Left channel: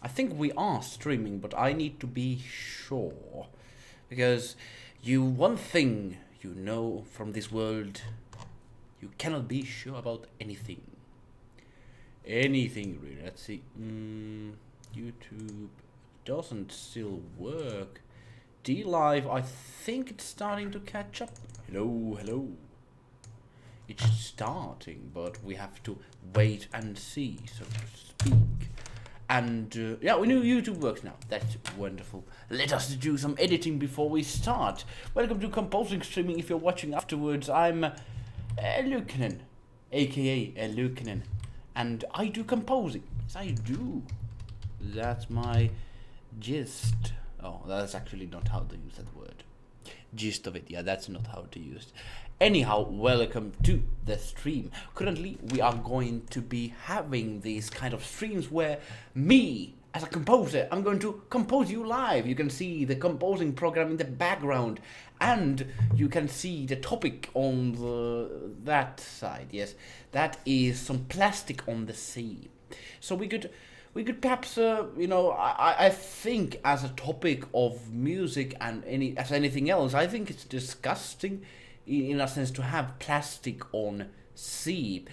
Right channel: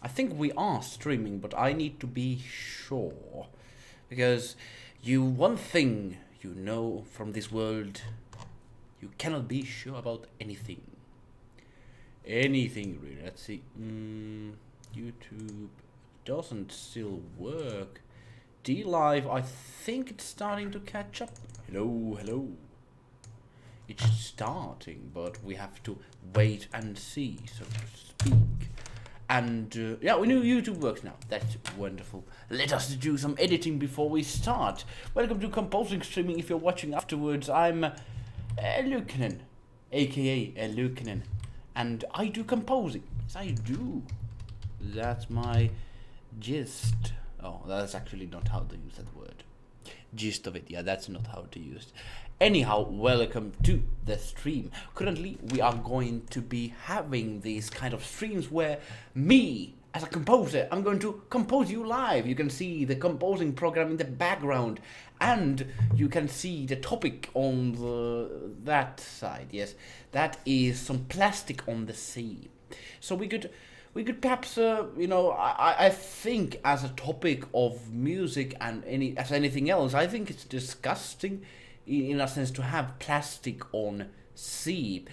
I think we are streaming, but I need to be sure. Because one thing you know from this world, you cannot be sure about anything. Anything really. Let's see. YouTube doesn't still work. D Live, I think it's starting to catch up. Hello, hello. It's starting, but we have to wait and see, so to speak. And yeah, we know YouTube works now. That's wonderful. Let us do some editing before we start. Welcome to Composing Streaming. If you're watching afterwards, I'm eluukkanen, aka eluukkanen, and I do composing. Yes, I do. That's my gist. Oh, that's actually not how to use that word. Gist of it, yeah, that's not how to use it. Anyhow, welcome to the stream. Currently, we are going to be having these kind of streams where me, as a composer, I'm going to compose you live. You can see the composing program in the background, and you can see the topic on that side. Yes, that is some plastic on the sea. So we could perhaps, I think as a topic of music and anything else, I think it's disgusting in a sense to have plastic on sea.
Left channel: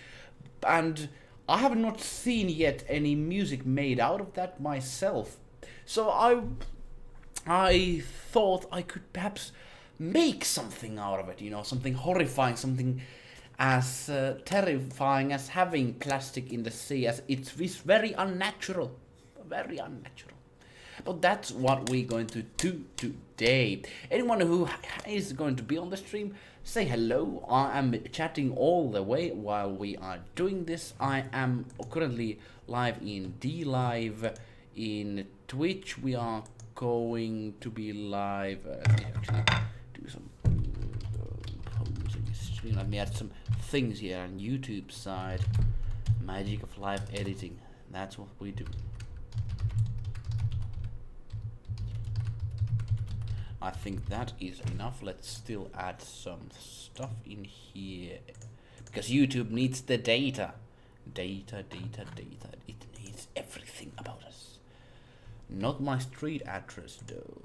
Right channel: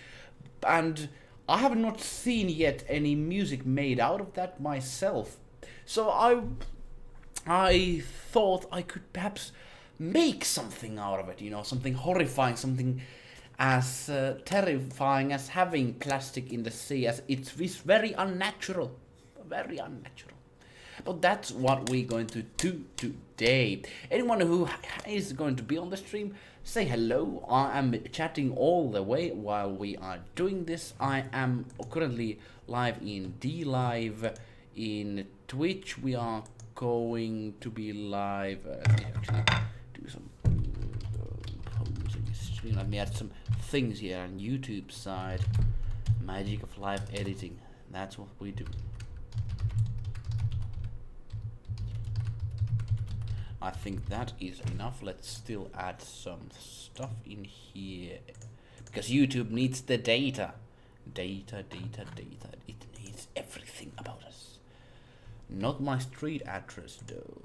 And I have not seen yet any music made out of that myself. So I thought I could perhaps make something out of it, something horrifying, something as terrifying as having plastic in the sea, as it's very unnatural, very unnatural. But that's what we're going to do today. Anyone who is going to be on the stream, say hello. I am chatting all the way while we are doing this. I am currently live in D Live, in Twitch. We are going to be live. Let me actually do some posing stream. Let me add some things here on YouTube side. Magic of live editing. That's what we do. I think that is enough. Let's still add some stuff in here, because YouTube needs the data. Data. It needs everything about us. Not my street address though.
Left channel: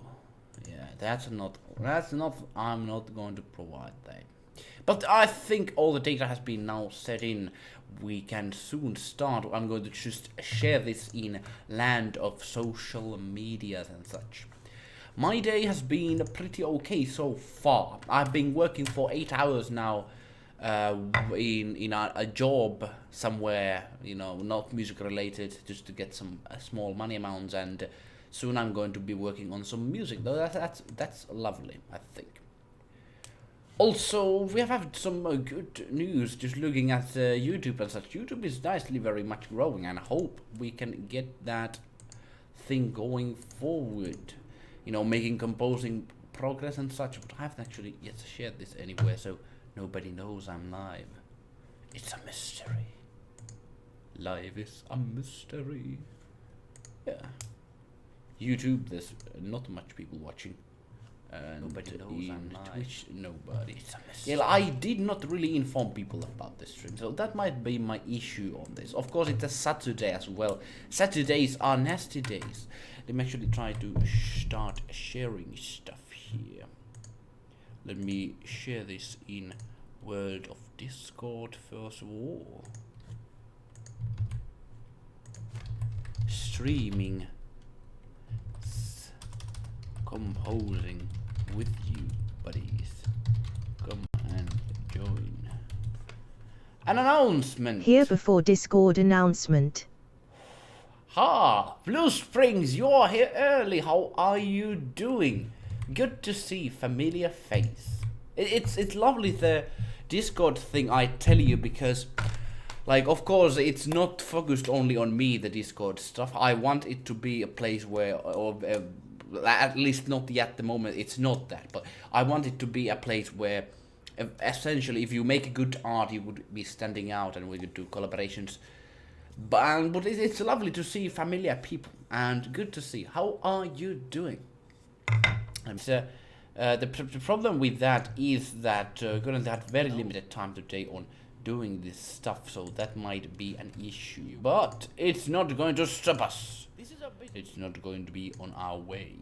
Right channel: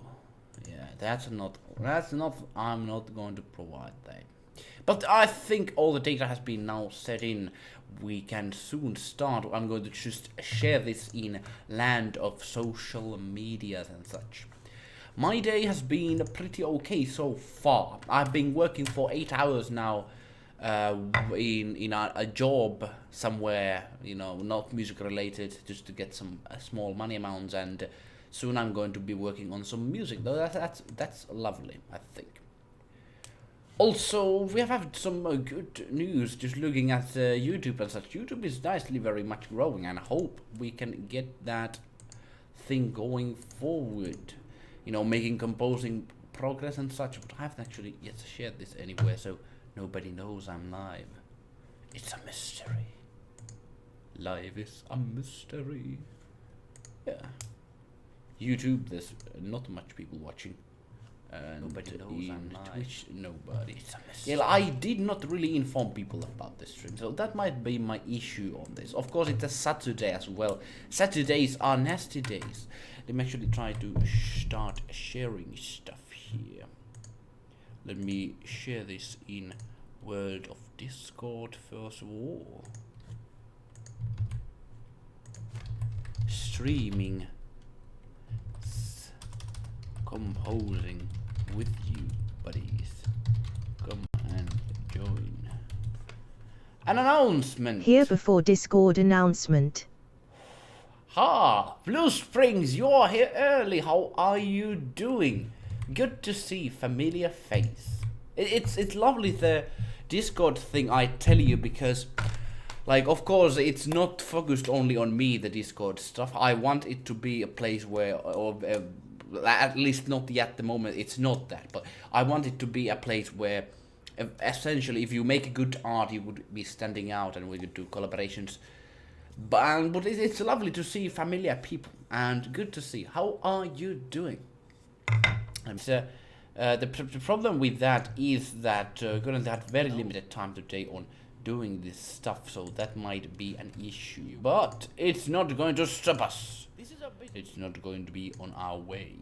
Yeah, that's not, I'm not going to provide that. But I think all the data has been now set in. We can soon start. I'm going to just share this in land of social medias and such. My day has been pretty okay so far. I've been working for 8 hours now in a job somewhere, not music related, just to get some small money amounts, and soon I'm going to be working on some music. Though that's lovely, I think. Also, we have had some good news just looking at YouTube and such. YouTube is nicely very much growing, and I hope we can get that thing going forward. Making composing progress and such, but I haven't actually yet shared this anywhere, so nobody knows I'm live. It's a mystery. Live is a mystery. Yeah. YouTube, there's not much people watching. Nobody knows I'm live. Twitch, nobody. It's a mystery. Yeah, I did not really inform people about this stream, so that might be my issue on this. Of course, it's a Saturday as well. Saturdays are nasty days. Let me actually try to start sharing stuff here. Let me share this in World of Discord first of all. Streaming, composing with you, buddies. Come and join. An announcement! Here before Discord announcement. Ha! Blue Springs, you're here early. How are you doing? Good to see familiar face. It's lovely, the Discord thing, I tell you, because of course it's not focused only on me, the Discord stuff. I want it to be a place where, at least not yet at the moment, it's not that, but I want it to be a place where essentially if you make good art you would be standing out, and we could do collaborations. But it's lovely to see familiar people, and good to see. How are you doing? The problem with that is that we're going to have very limited time today on doing this stuff, so that might be an issue. But it's not going to stop us. It's not going to be on our way.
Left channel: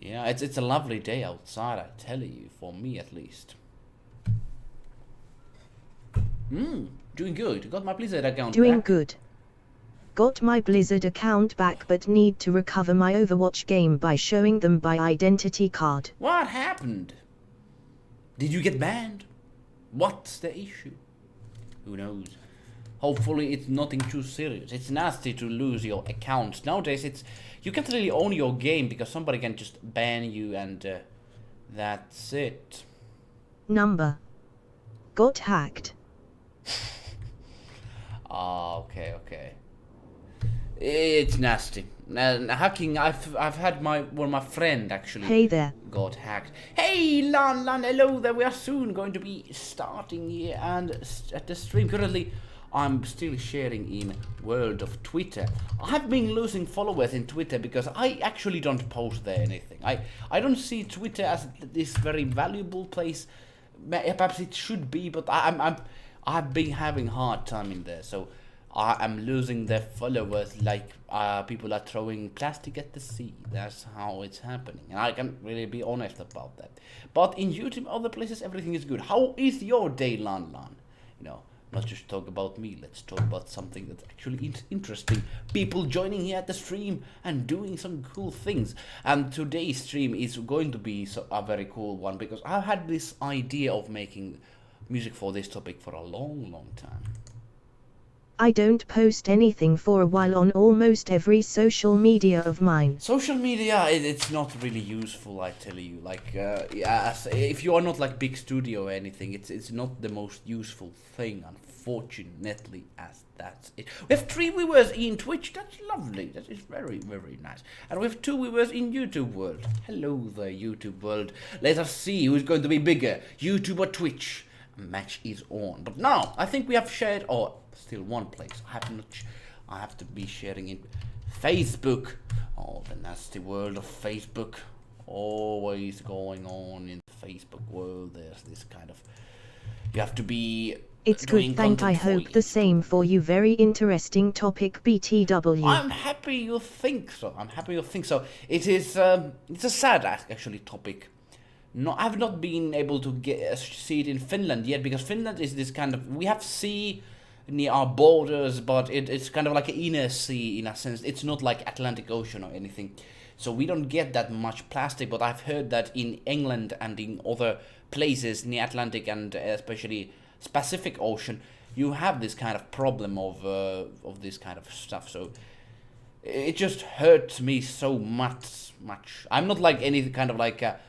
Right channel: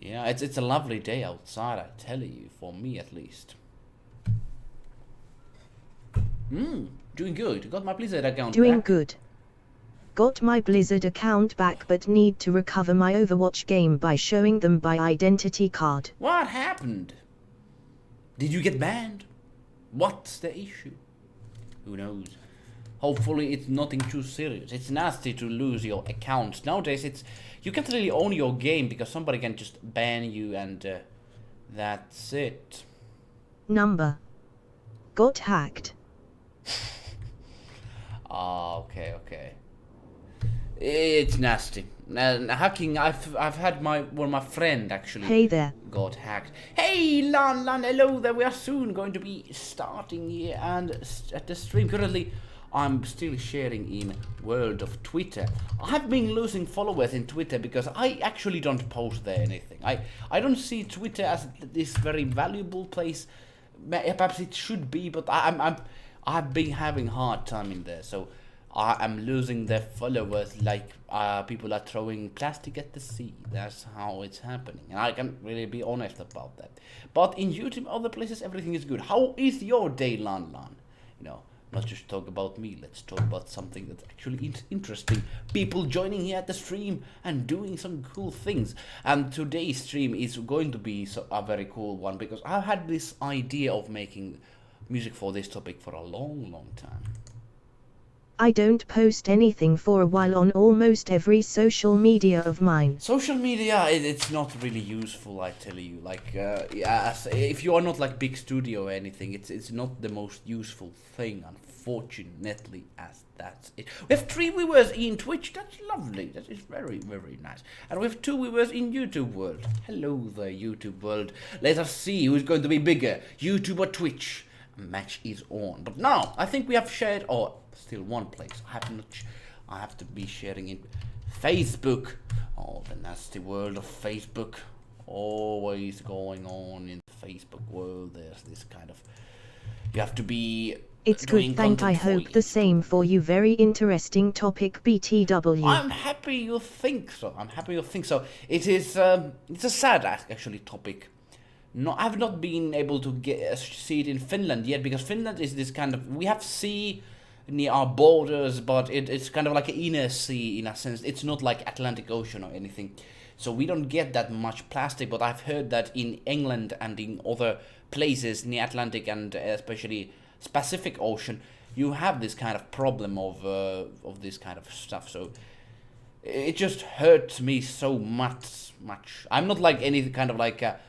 Yeah, it's a lovely day outside, I tell you, for me at least. Doing good. Got my Blizzard account Doing back. good. Got my Blizzard account back but need to recover my Overwatch game by showing them my identity card. What happened? Did you get banned? What's the issue? Who knows? Hopefully it's nothing too serious. It's nasty to lose your accounts. Nowadays you can't really own your game because somebody can just ban you and that's it. Number. Got hacked. Okay. It's nasty. Hacking. I've had my friend actually. Hey there. Got hacked. Hey Lan, hello there. We are soon going to be starting here and at the stream. Currently, I'm still sharing in world of Twitter. I've been losing followers in Twitter because I actually don't post there anything. I don't see Twitter as this very valuable place. Perhaps it should be, but I've been having hard time in there, so I am losing their followers like people are throwing plastic at the sea. That's how it's happening, and I can really be honest about that. But in YouTube, other places, everything is good. How is your day, Lan? You know, not just talk about me. Let's talk about something that's actually interesting. People joining here at the stream and doing some cool things. And today's stream is going to be a very cool one because I've had this idea of making music for this topic for a long time. I don't post anything for a while on almost every social media of mine. Social media, it's not really useful, I tell you. Like, if you are not like big studio or anything, it's not the most useful thing, unfortunately, as that's it. We have 3 viewers in Twitch. That's lovely. That is very nice. And we have 2 viewers in YouTube world. Hello there, YouTube world. Let us see who's going to be bigger, YouTube or Twitch. Match is on. But now I think we have shared, or still one place. I have to be sharing in Facebook. Oh, the nasty world of Facebook. Always going on in the Facebook world. There's this kind of, you have to be. It's good, thank I hope the same for you. Very interesting topic, BTW. I'm happy you think so. It is it's a sad actually topic. No, I've not been able to see it in Finland yet because Finland is this kind of, we have sea near our borders, but it's kind of like an inner sea in a sense. It's not like Atlantic Ocean or anything, so we don't get that much plastic. But I've heard that in England and in other places near Atlantic and especially Pacific Ocean, you have this kind of problem of this kind of stuff. So it just hurts me so much. I'm not like any kind of like a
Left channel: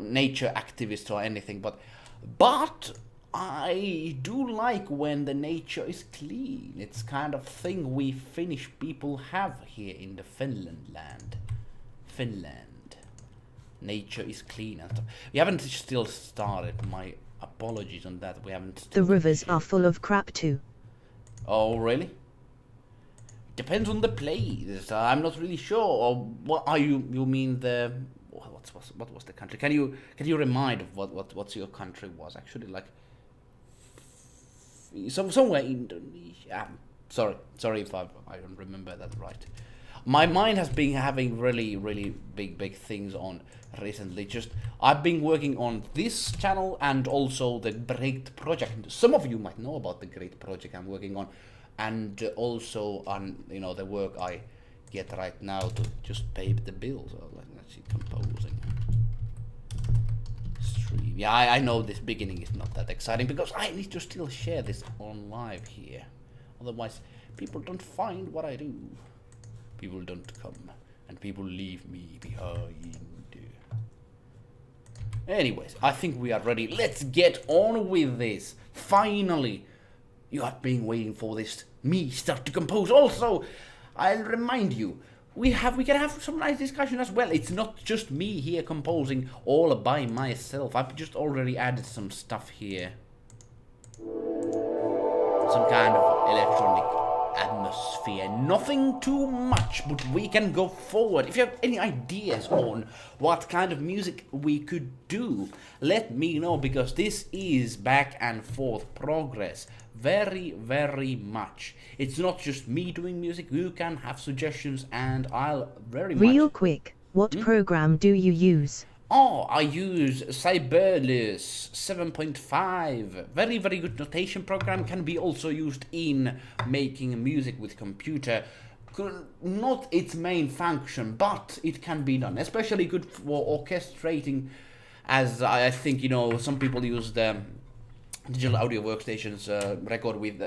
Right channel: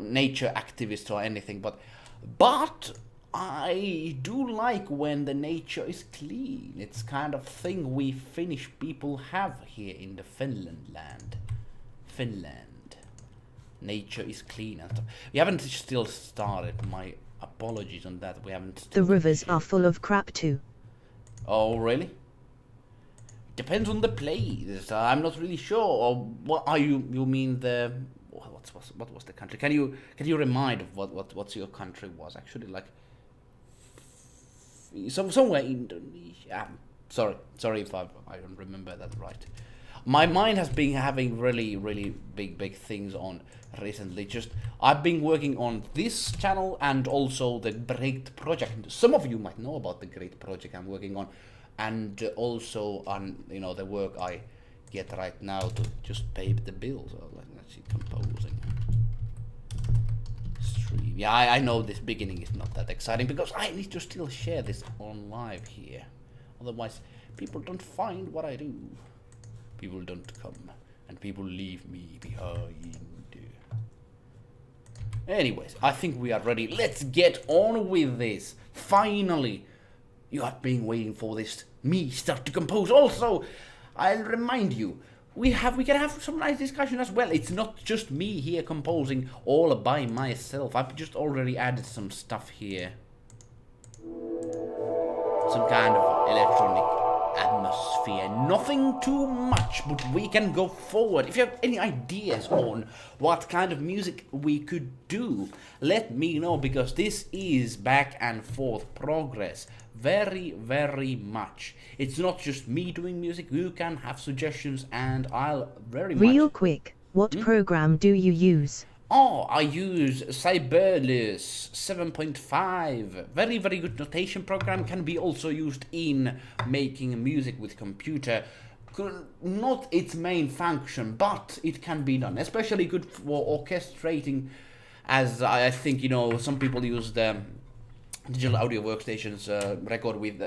nature activist or anything, but I do like when the nature is clean. It's kind of thing we Finnish people have here in the Finland. Nature is clean and stuff. We haven't still started. My apologies on that. We haven't. The rivers are full of crap too. Oh really? Depends on the place. I'm not really sure. Or what are you mean the? What was the country? Can you remind of what your country was actually like? Somewhere in Indonesia. Sorry if I don't remember that right. My mind has been having really big things on recently. Just I've been working on this channel and also the great project. Some of you might know about the great project I'm working on, and also on the work I get right now to just pay the bills. So let's see, composing. Stream. Yeah, I know this beginning is not that exciting because I need to still share this on live here. Otherwise, people don't find what I do. People don't come, and people leave me behind. Anyways, I think we are ready. Let's get on with this. Finally, you have been waiting for this. Me start to compose. Also, I'll remind you, we can have some nice discussion as well. It's not just me here composing all by myself. I've just already added some stuff here. Some kind of electronic atmosphere. Nothing too much, but we can go forward. If you have any ideas on what kind of music we could do, let me know, because this is back and forth progress. very, very much. It's not just me doing music. You can have suggestions, and I'll very Real much. quick, what program do you use? Oh, I use Sibelius 7.5. Very, very good notation program. Can be also used in making music with computer. Not its main function, but it can be done. Especially good for orchestrating, as I think, you know, some people use the digital audio workstations record with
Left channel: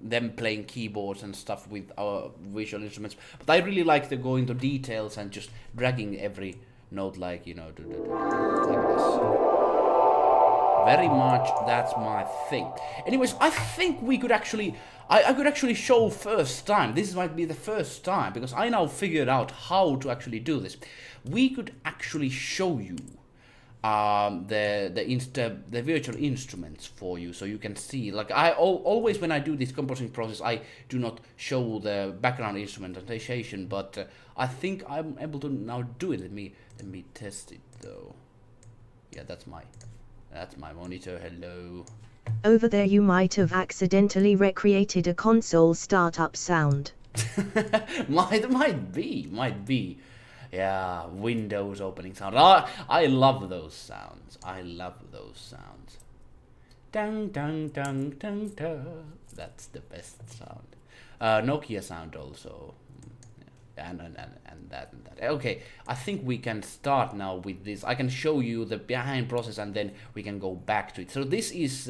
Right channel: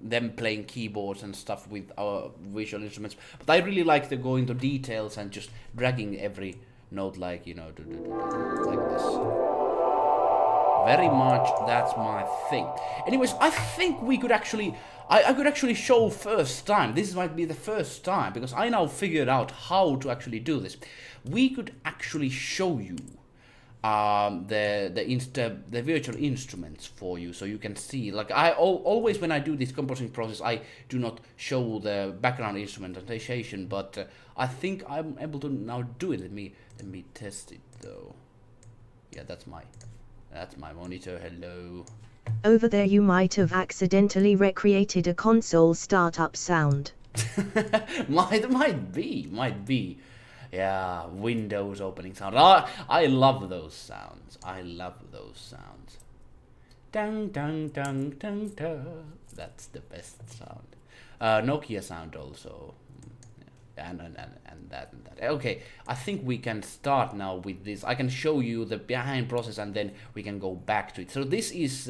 them playing keyboards and stuff with our visual instruments. But I really like to go into details and just dragging every note, like, you know, like this. Very much, that's my thing. Anyways, I think we could actually, I could actually show first time. This might be the first time, because I now figured out how to actually do this. We could actually show you the virtual instruments for you, so you can see. Like always when I do this composing process, I do not show the background instrumentation, but I think I'm able to now do it. Let me test it though. Yeah, that's my monitor. Hello. Over there you might have accidentally recreated a console startup sound. might be. Yeah, Windows opening sound. I love those sounds. Dang, dang, dang, dang, dang. That's the best sound. Nokia sound also. And that. Okay, I think we can start now with this. I can show you the behind process, and then we can go back to it. So this is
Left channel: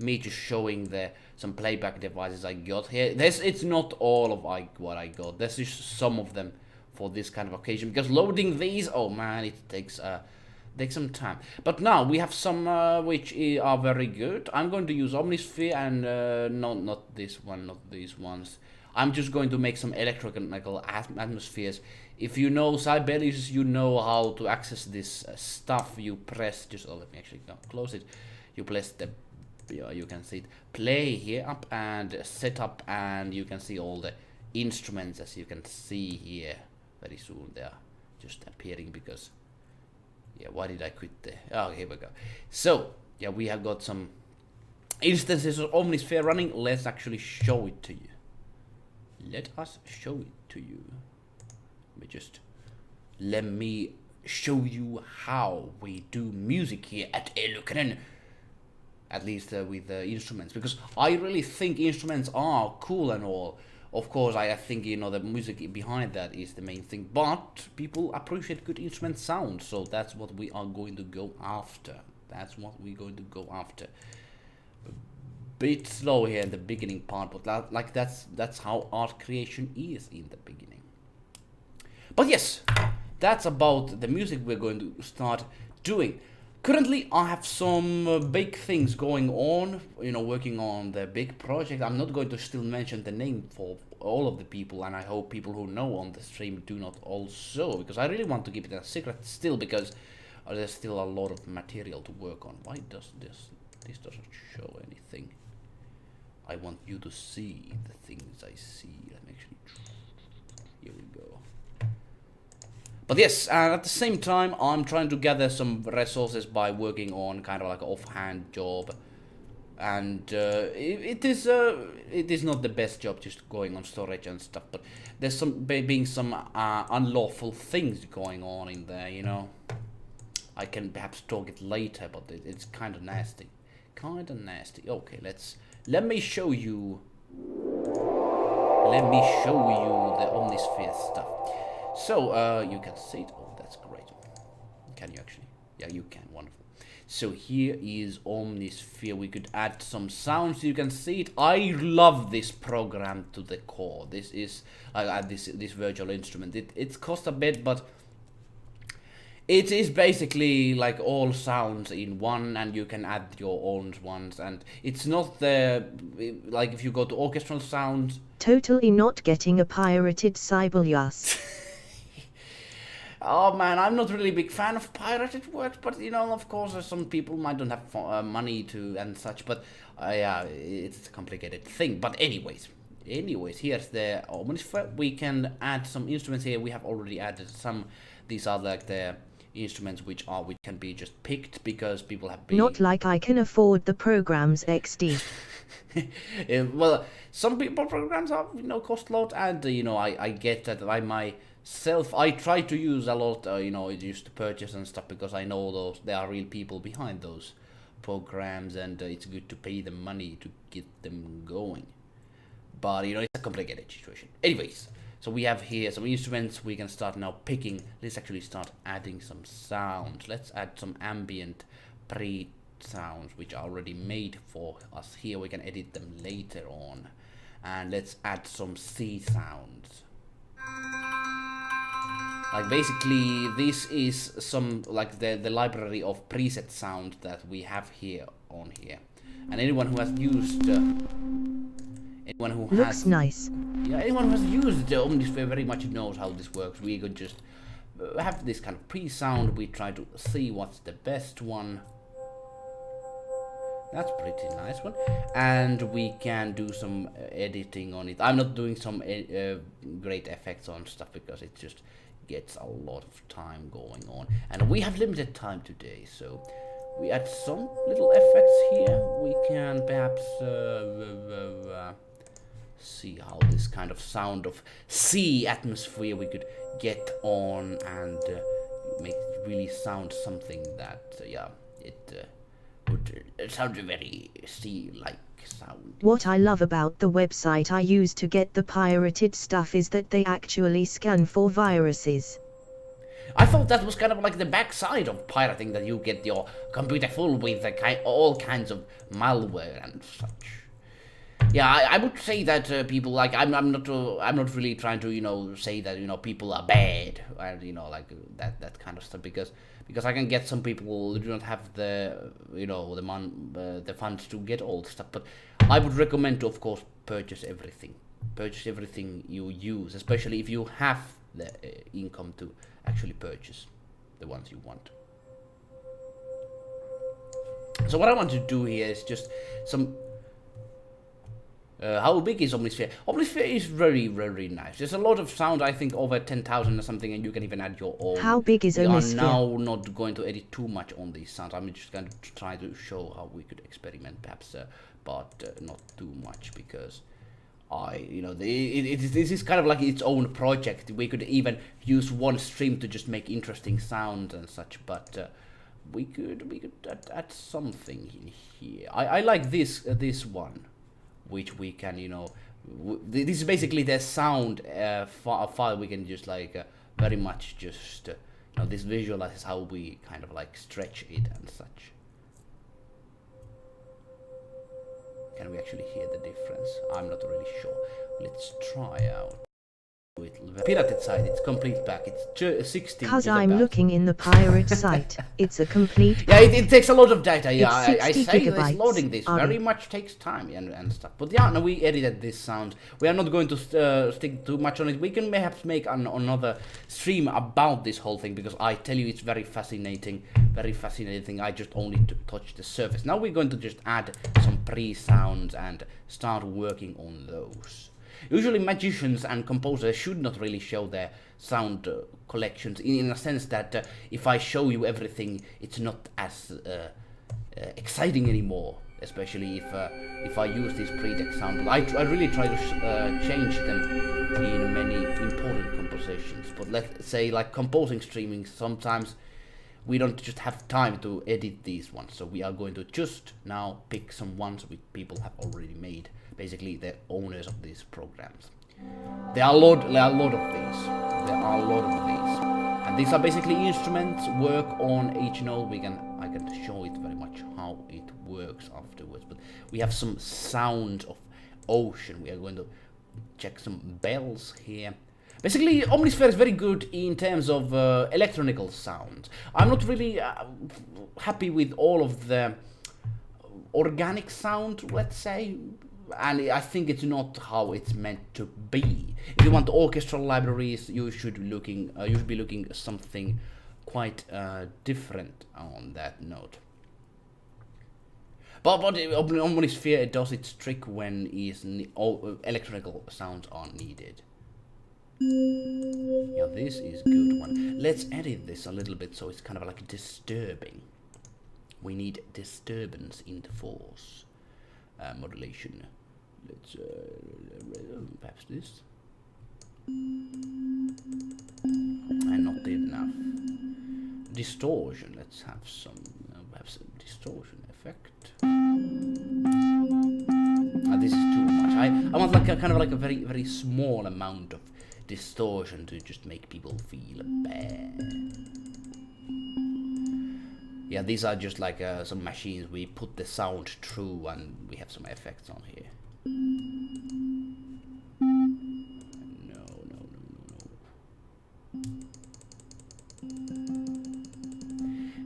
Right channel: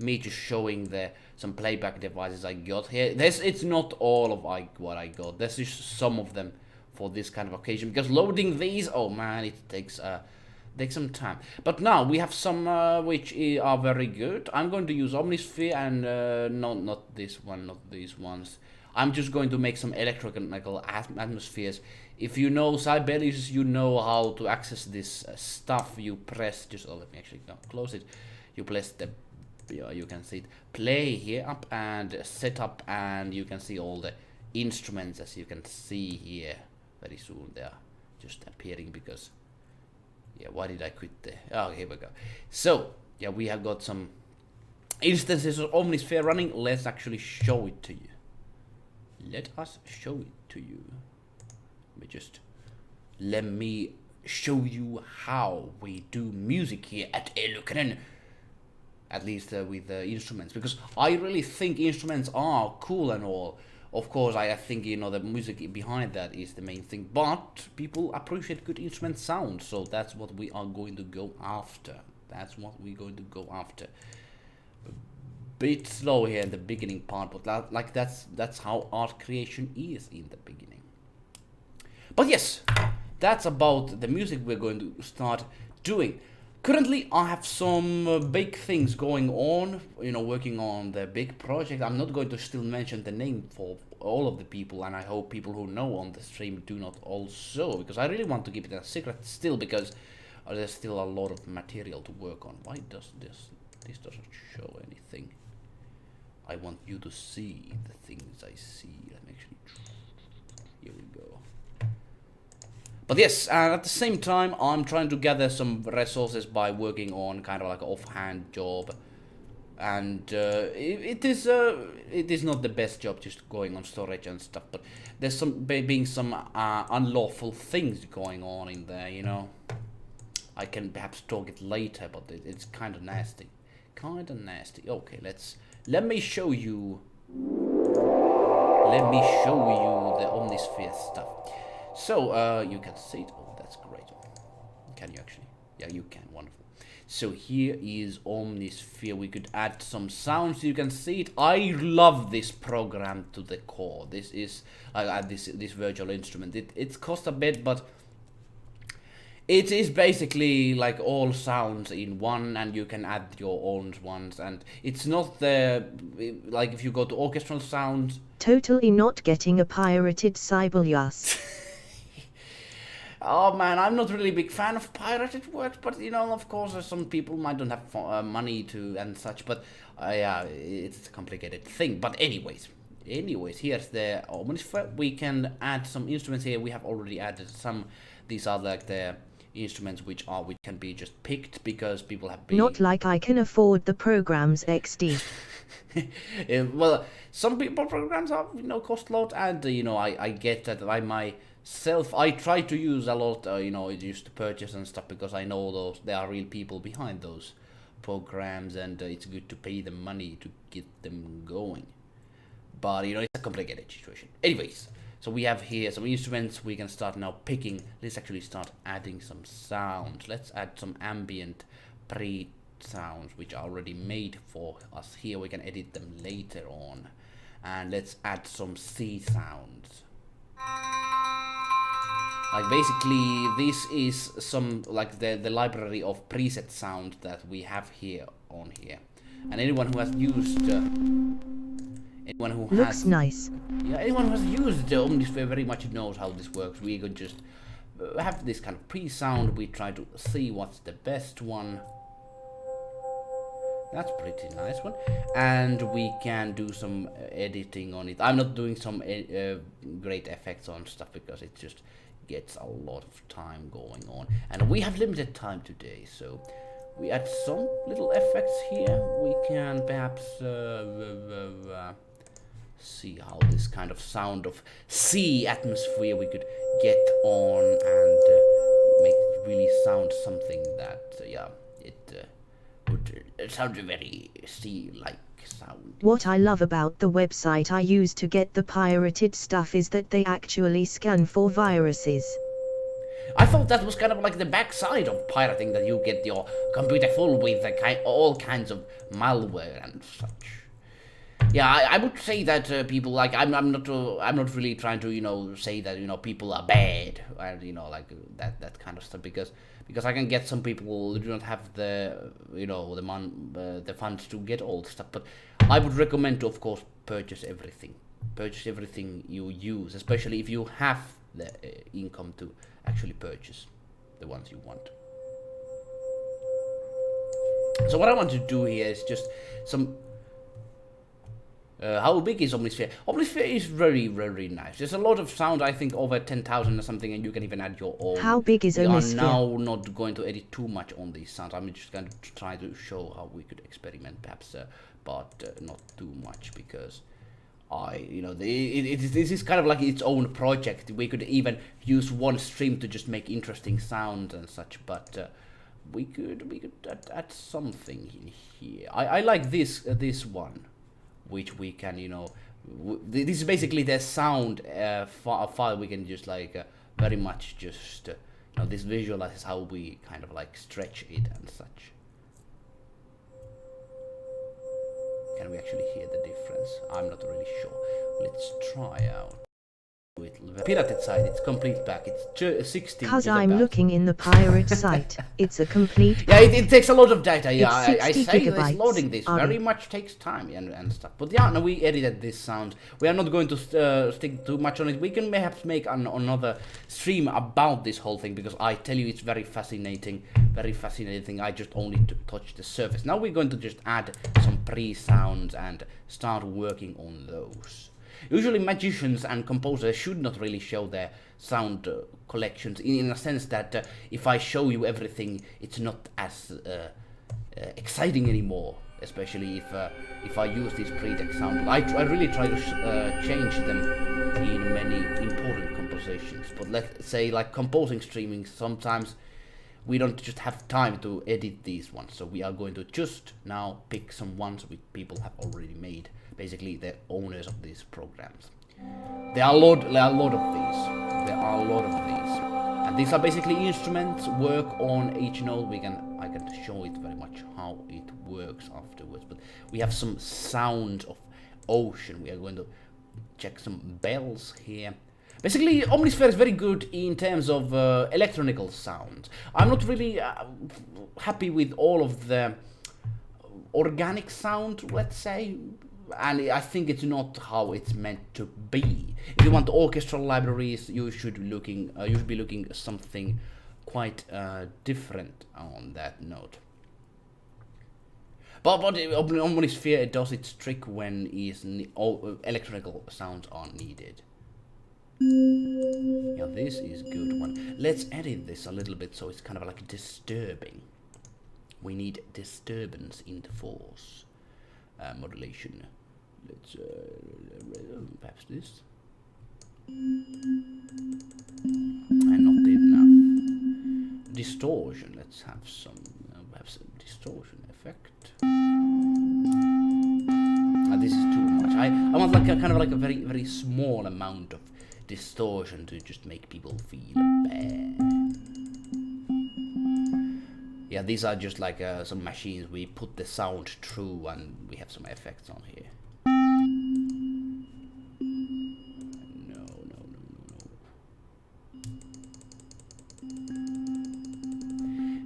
me just showing some playback devices I got here. It's not all of what I got. There's just some of them for this kind of occasion, because loading these, oh man, it takes some time. But now we have some which are very good. I'm going to use Omnisphere and not this one, not these ones. I'm just going to make some electrochemical atmospheres. If you know Sibelius, you know how to access this stuff. You press, let me actually close it. You press you can see it, play here up and set up, and you can see all the instruments, as you can see here. Very soon they are just appearing, because why did I quit there? Oh, here we go. So yeah, we have got some instances of Omnisphere running. Let's actually show it to you. Let us show it to you. Let me show you how we do music here at eluukkanen. At least with instruments, because I really think instruments are cool and all. Of course, I think, you know, the music behind that is the main thing, but people appreciate good instrument sound, so that's what we are going to go after. A bit slow here in the beginning part, but like that's how art creation is in the beginning. But yes, that's about the music we're going to start doing. Currently, I have some big things going on, you know, working on the big project. I'm not going to still mention the name for all of the people, and I hope people who know on the stream do not also, because I really want to keep it a secret still, because there's still a lot of material to work on. Why does this doesn't show anything? I want you to see the things I see. Let me actually, here we go. But yes, at the same time, I'm trying to gather some resources by working on kind of like an offhand job, and it is not the best job, just going on storage and stuff. But there's being some unlawful things going on in there, you know. I can perhaps talk it later, but it's kind of nasty, Okay, let me show you the Omnisphere stuff. So you can see it. Oh, that's great. Can you actually? Yeah, you can. Wonderful. So here is Omnisphere. We could add some sounds. You can see it. I love this program to the core. This is this virtual instrument. It costs a bit, but it is basically like all sounds in one, and you can add your own ones. And it's not like if you go to orchestral sounds. Totally not getting a pirated Sibelius. Oh man, I'm not really a big fan of pirated works, but you know, of course, some people might not have money to and such. But yeah, it's a complicated thing. But anyways, here's the Omnisphere. We can add some instruments here. We have already added some. These are like the instruments which can be just picked because people have been. Not like I can afford the program's XD. Well, some people programs are cost a lot, and I get that I myself I try to use a lot just to purchase and stuff because I know there are real people behind those programs, and it's good to pay them money to get them going. But it's a complicated situation. Anyways, so we have here some instruments. We can start now picking. Let's actually start adding some sounds. Let's add some ambient pre sounds which are already made for us here. We can edit them later on. And let's add some C sounds. Like basically this is some like the library of preset sound that we have here on here. And anyone who has used anyone who looks nice. Yeah, anyone who has used the Omnisphere very much knows how this works. We could just have this kind of pre-sound. We try to see what's the best one. That's pretty nice one. And we can do some editing on it. I'm not doing some great effects on stuff because it just gets a lot of time going on. And we have limited time today, so we add some little effects here. We can perhaps see how this kind of sound of sea atmosphere we could get on and make it really sound something that it would sound a very sea-like sound. What I love about the website I use to get the pirated stuff is that they actually scan for viruses. I thought that was kind of like the backside of pirating, that you get your computer full with all kinds of malware and such. Yeah, I would say that people like I'm not really trying to say that people are bad and like that kind of stuff because I can get some people who do not have the the funds to get all the stuff, but I would recommend to of course purchase everything you use, especially if you have the income to actually purchase the ones you want. So what I want to do here is just some. How big is Omnisphere? Omnisphere is very, very nice. There's a lot of sound, I think over 10,000 or something, and you can even add your own. How big is Omnisphere? We are now not going to edit too much on these sounds. I'm just going to try to show how we could experiment, perhaps, but not too much because this is kind of like its own project. We could even use one stream to just make interesting sounds and such, but we could add something in here. I like this one, which we can this is basically the sound file. We can just like very much just this visualizes how we kind of like stretch it and such. Can we actually hear the difference? I'm not really sure. Let's try out. With the pirated site, it's complete back. It's 60. Cause I'm looking in the pirate site. It's a complete. Yeah, it takes a lot of data. Yeah, I say gigabytes. Loading this very much takes time and stuff. But yeah, no, we edited this sound. We are not going to stick too much on it. We can perhaps make another stream about this whole thing because I tell you it's very fascinating. Very fascinating. I just only touched the surface. Now we're going to just add some pre-sounds and start working on those. Usually magicians and composers should not really show their sound collections in a sense that if I show you everything, it's not as exciting anymore, especially if I use these pre-deck sound. I really try to change them in many important compositions, but let's say like composing streaming, sometimes we don't just have time to edit these ones, so we are going to just now pick some ones which people have already made, basically the owners of these programs. There are a lot of these. And these are basically instruments, work on each note. I can show it very much how it works afterwards, but we have some sound of ocean. We are going to check some bells here. Basically, Omnisphere is very good in terms of electronical sound. I'm not really happy with all of the organic sound, let's say, and I think it's not how it's meant to be. If you want orchestral libraries, you should be looking at something quite different on that note. But Omnisphere does its trick when electronical sounds are needed. Yeah, this is a good one. Let's edit this a little bit so it's kind of like disturbing. We need disturbance in the force. modulation. Let's perhaps this. And not enough. Distortion. Let's have some perhaps a distortion effect. This is too much. I want like a kind of like a very small amount of distortion to just make people feel bad. Yeah, these are just like some machines we put the sound through and we have some effects on here. No.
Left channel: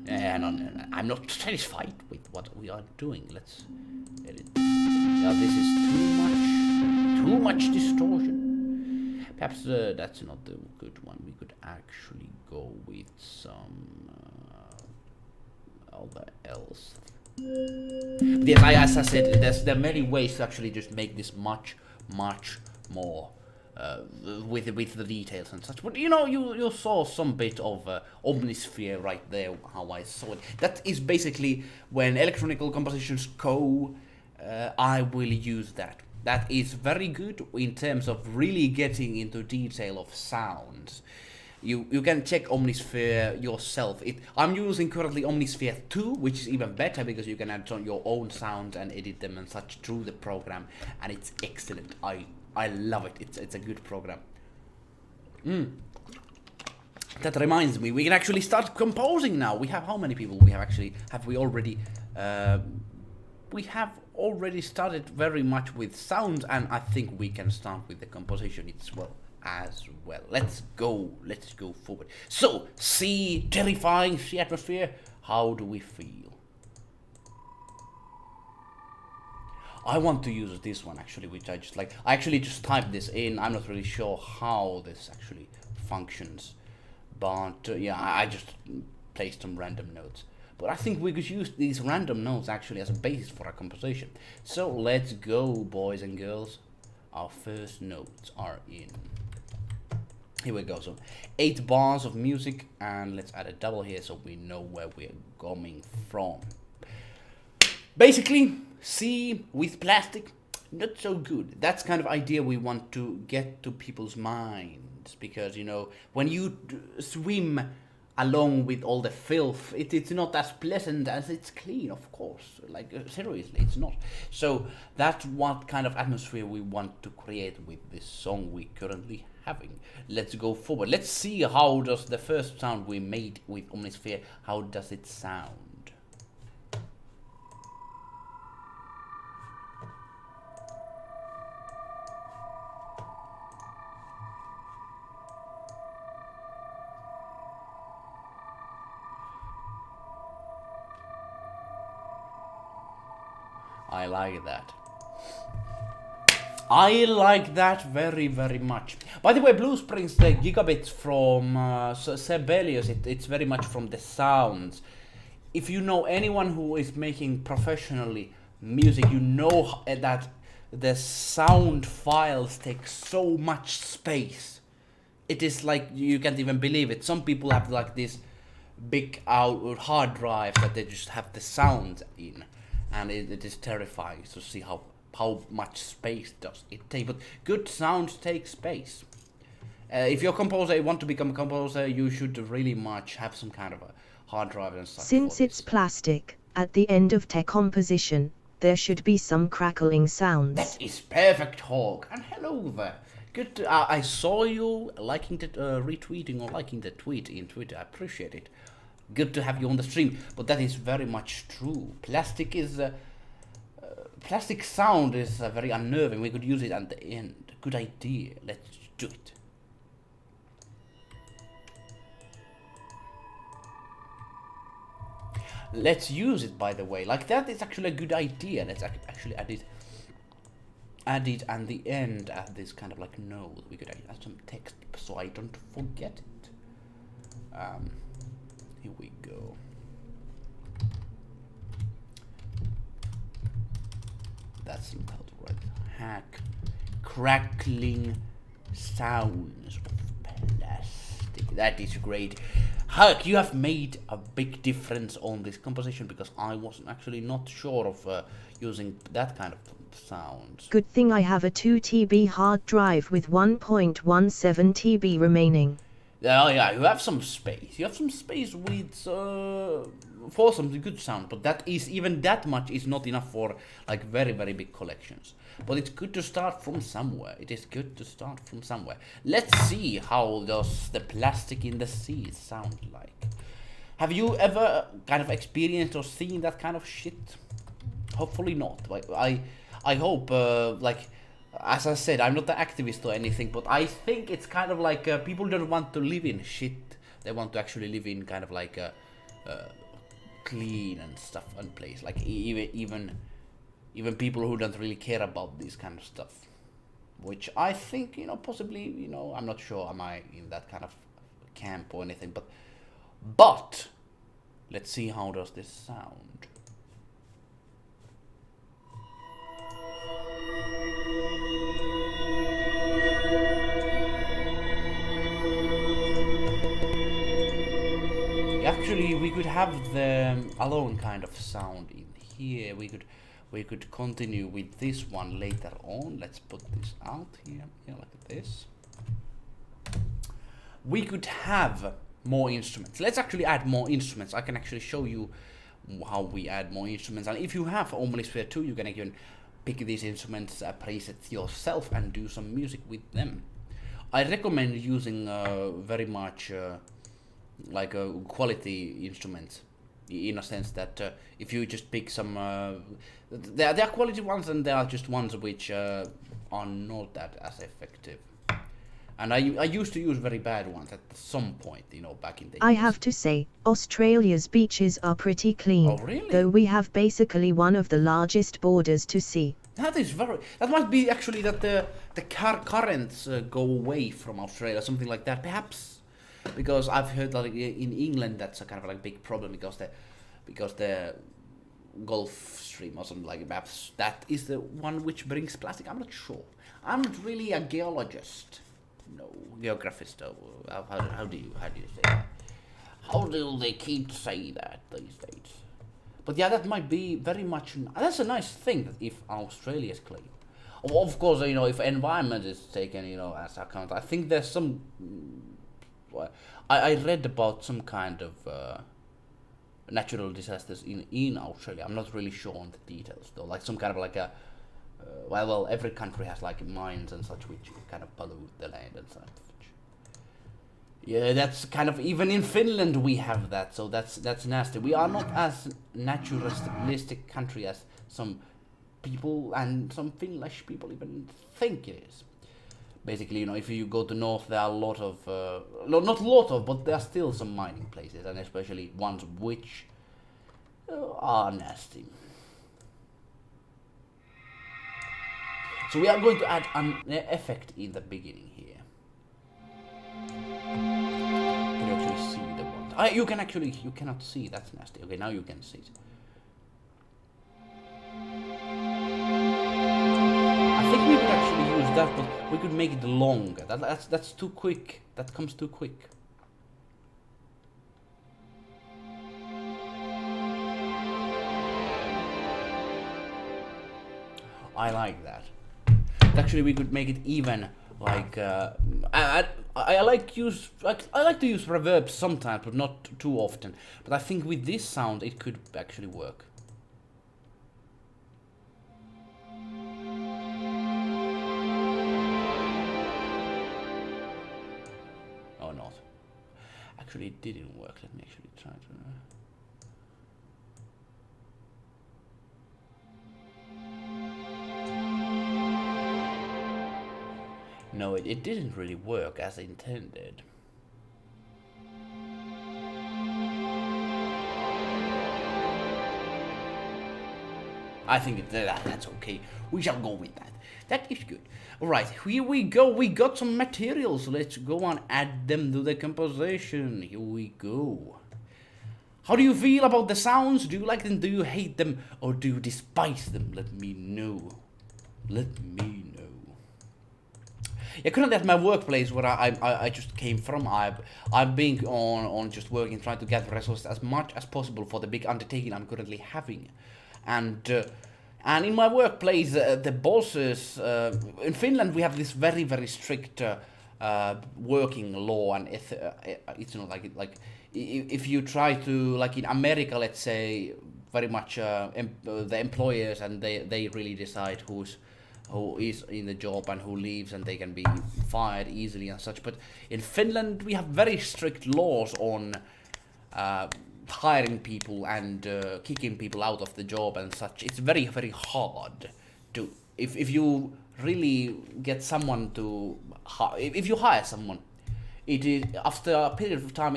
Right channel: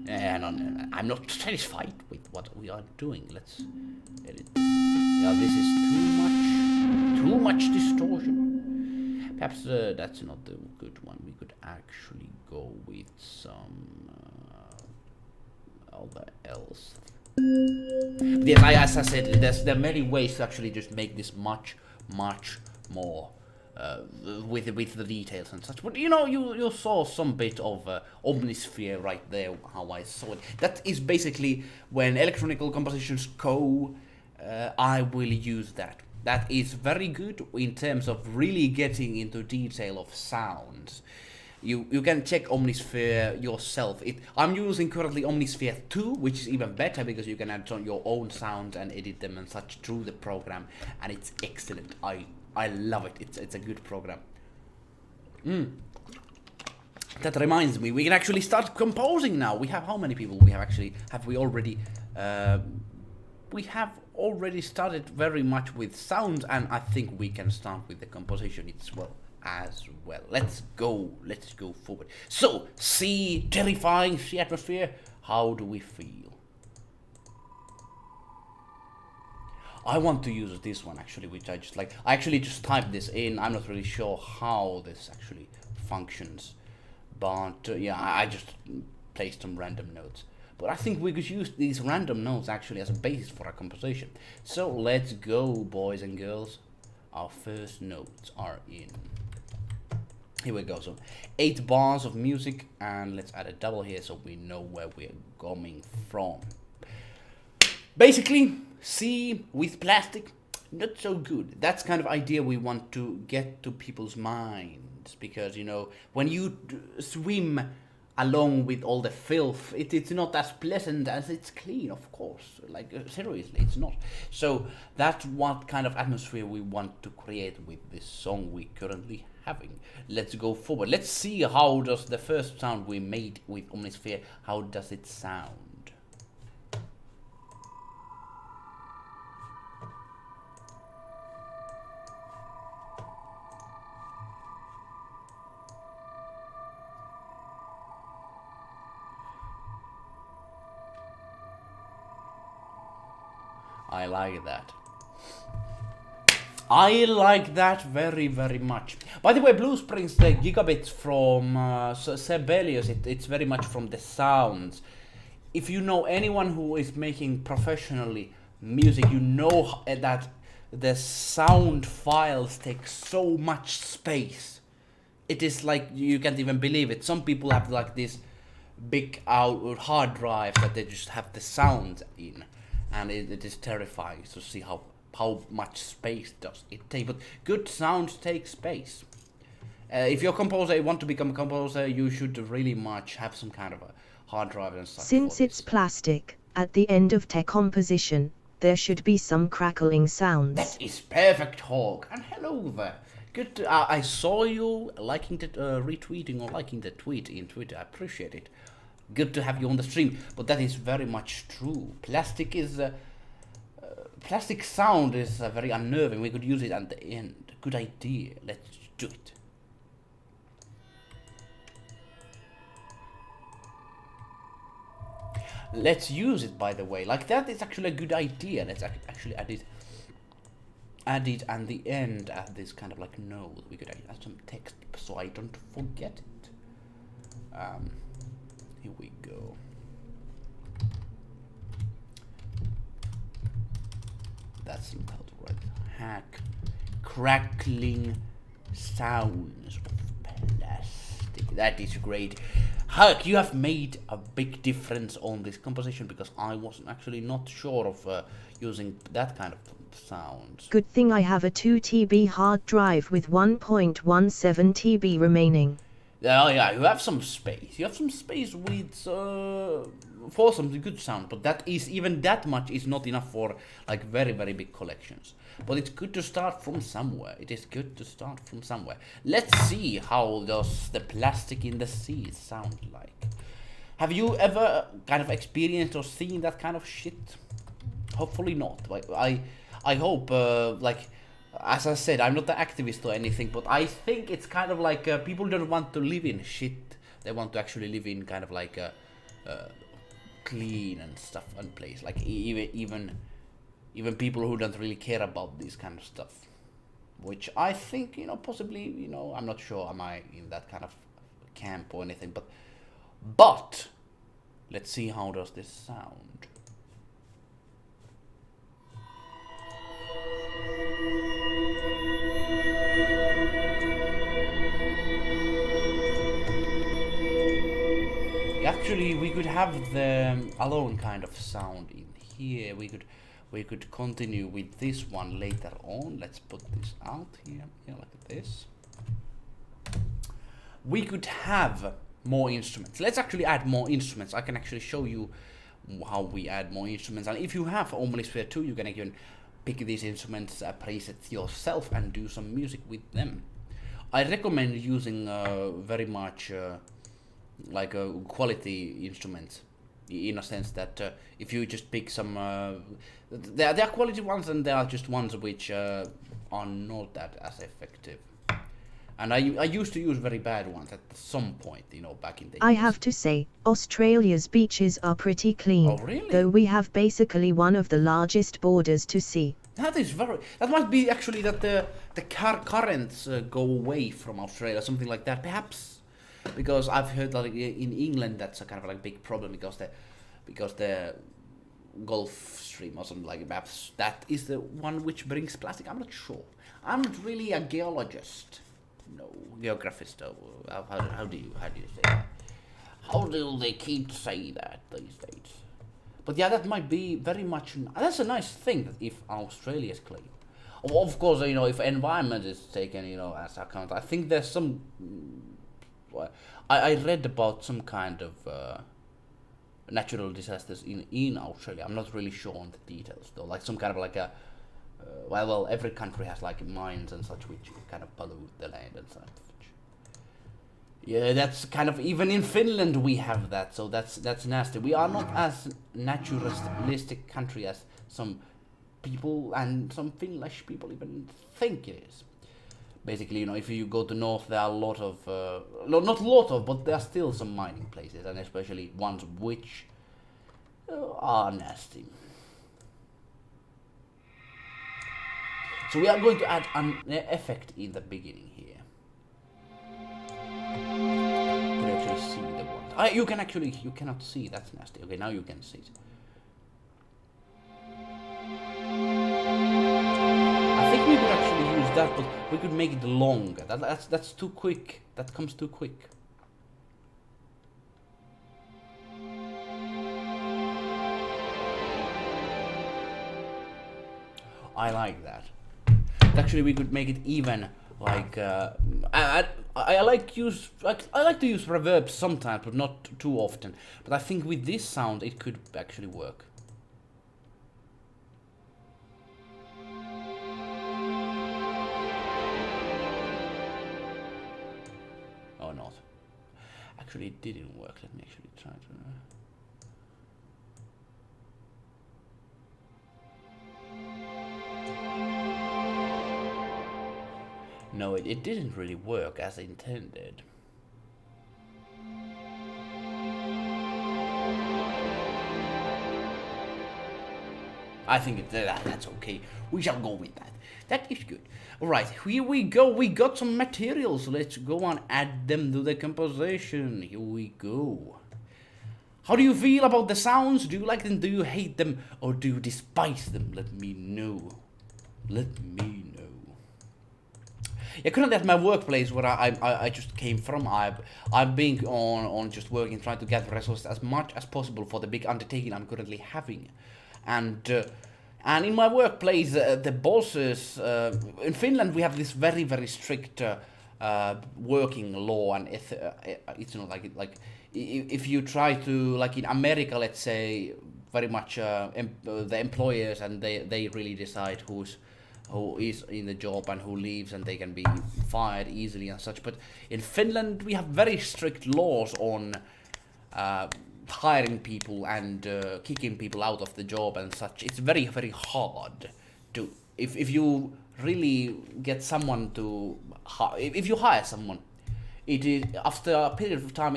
No. I'm not satisfied with what we are doing. Let's edit. Yeah, this is too much distortion. Perhaps that's not the good one. We could actually go with some other else. But yes, as I said, there are many ways to actually just make this much more with the details and such. But you know, you saw some bit of Omnisphere right there. How I saw it. That is basically when electronical compositions go. I will use that. That is very good in terms of really getting into detail of sounds. You can check Omnisphere yourself. I'm using currently Omnisphere 2, which is even better because you can add on your own sounds and edit them and such through the program, and it's excellent. I love it. It's a good program. That reminds me, we can actually start composing now. We have how many people? We have already started very much with sounds, and I think we can start with the composition as well. Let's go forward. So, sea, terrifying, sea atmosphere. How do we feel? I want to use this one actually, which I actually just typed this in. I'm not really sure how this actually functions, but yeah, I just placed some random notes. But I think we could use these random notes actually as a basis for our composition. So let's go, boys and girls. Our first notes are in. Here we go. So 8 bars of music, and let's add a double here so we know where we're coming from. Basically, sea with plastic, not so good. That's kind of idea we want to get to people's minds, because you know, when you swim along with all the filth, it's not as pleasant as it's clean, of course. Like, seriously, it's not. So that's what kind of atmosphere we want to create with this song we currently having. Let's go forward. Let's see how does the first sound we made with Omnisphere, how does it sound? I like that. I like that very much. By the way, Blue Springs, the gigabits from Sibelius, it's very much from the sounds. If you know anyone who is making professionally music, you know that the sound files take so much space. It is like, you can't even believe it. Some people have like this big hard drive that they just have the sound in. And it is terrifying to see how much space does it take. But good sounds take space. If you're a composer, you want to become a composer, you should really much have some kind of a hard drive and stuff. Since it's plastic, at the end of tech composition, there should be some crackling sounds. That is perfect, Hawk. And hello there. Good. I saw you liking the retweeting or liking the tweet in Twitter. I appreciate it. Good to have you on the stream, but that is very much true. Plastic sound is very unnerving. We could use it at the end. Good idea. Let's do it. Let's use it, by the way. Like, that is actually a good idea. Let's actually add it at the end at this kind of like note. We could add some text so I don't forget it. Here we go. That's not how to write. Hack. Crackling sounds of plastic. That is great. Herc, you have made a big difference on this composition because I was actually not sure of using that kind of sounds. Good thing I have a 2 TB hard drive with 1.17 TB remaining. Yeah, you have some space. You have some space with for some good sound, but that is even that much is not enough for like very big collections. But it's good to start from somewhere. It is good to start from somewhere. Let's see how does the plastic in the sea sound like. Have you ever kind of experienced or seen that kind of shit? Hopefully not. Like I hope like. As I said, I'm not an activist or anything, but I think it's kind of like people don't want to live in shit. They want to actually live in kind of like a clean and stuff and place. Like even people who don't really care about this kind of stuff. Which I think, possibly, I'm not sure am I in that kind of camp or anything, but let's see how does this sound. Actually, we could have the alone kind of sound in here. We could continue with this one later on. Let's put this out here, like this. We could have more instruments. Let's actually add more instruments. I can actually show you how we add more instruments. And if you have Omnisphere 2, you can even pick these instruments, presets yourself, and do some music with them. I recommend using very much like quality instruments, in a sense that if you just pick some, there are quality ones and there are just ones which are not that as effective. And I used to use very bad ones at some point, back in the years. I have to say, Australia's beaches are pretty clean. Oh, really? Though we have basically one of the largest borders to sea. That must be actually that the currents go away from Australia, something like that, perhaps. Because I've heard that in England that's a kind of like big problem because the Gulf Stream or something like that. That is the one which brings plastic. I'm not sure. I'm not really a geologist. No, geographist. How do you say that? How do they keep say that these days? But yeah, that might be very much. That's a nice thing that if Australia is clean. Of course, if environment is taken, as account. I think there's some. I read about some kind of natural disasters in Australia. I'm not really sure on the details though. Like some kind of like a well, every country has like mines and such which kind of pollute the land and such. Yeah, that's kind of even in Finland we have that. So that's nasty. We are not as naturalistic country as some people and some Finnish people even think it is. Basically, if you go to north, there are a lot of, not a lot of, but there are still some mining places, and especially ones which are nasty. So we are going to add an effect in the beginning here. You can actually see the one. You cannot see, that's nasty. Okay, now you can see it. I think we could actually use that, but we could make it longer. That's too quick. That comes too quick. I like that. Actually, we could make it even like I like to use reverb sometimes, but not too often. But I think with this sound, it could actually work. Or not. Actually, it didn't work. Let me actually try to. No, it didn't really work as intended. I think that's okay. We shall go with that. That is good. Alright, here we go. We got some materials. Let's go and add them to the composition. Here we go. How do you feel about the sounds? Do you like them? Do you hate them? Or do you despise them? Let me know. Let me know. Yeah, currently at my workplace where I just came from, I've been on just working, trying to gather resources as much as possible for the big undertaking I'm currently having, and in my workplace, the bosses in Finland we have this very strict working law, and it's not like if you try to, like in America, let's say, very much the employers, and they really decide who is in the job and who leaves, and they can be fired easily and such. But in Finland we have very strict laws on hiring people and kicking people out of the job and such. It's very hard to, if you really get someone to if you hire someone, it is after a period of time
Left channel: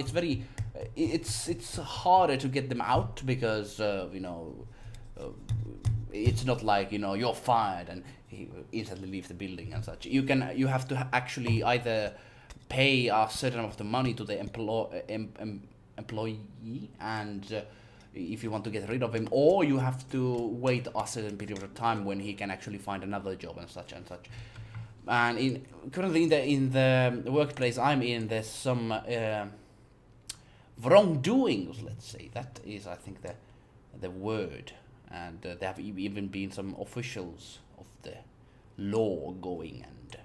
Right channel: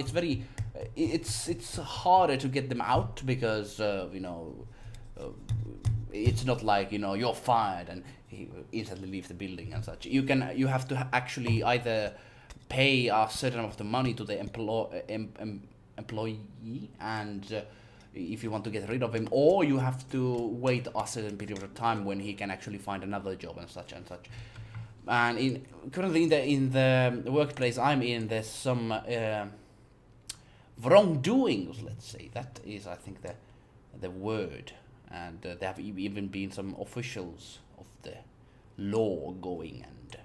it's harder to get them out, because it's not like you're fired and he instantly leave the building and such. You have to actually either pay a certain amount of money to the employee, and if you want to get rid of him, or you have to wait a certain period of time when he can actually find another job and such and such. And currently in the workplace I'm in, there's some wrongdoings, let's say. That is, I think, the word. And there have even been some officials of the law going and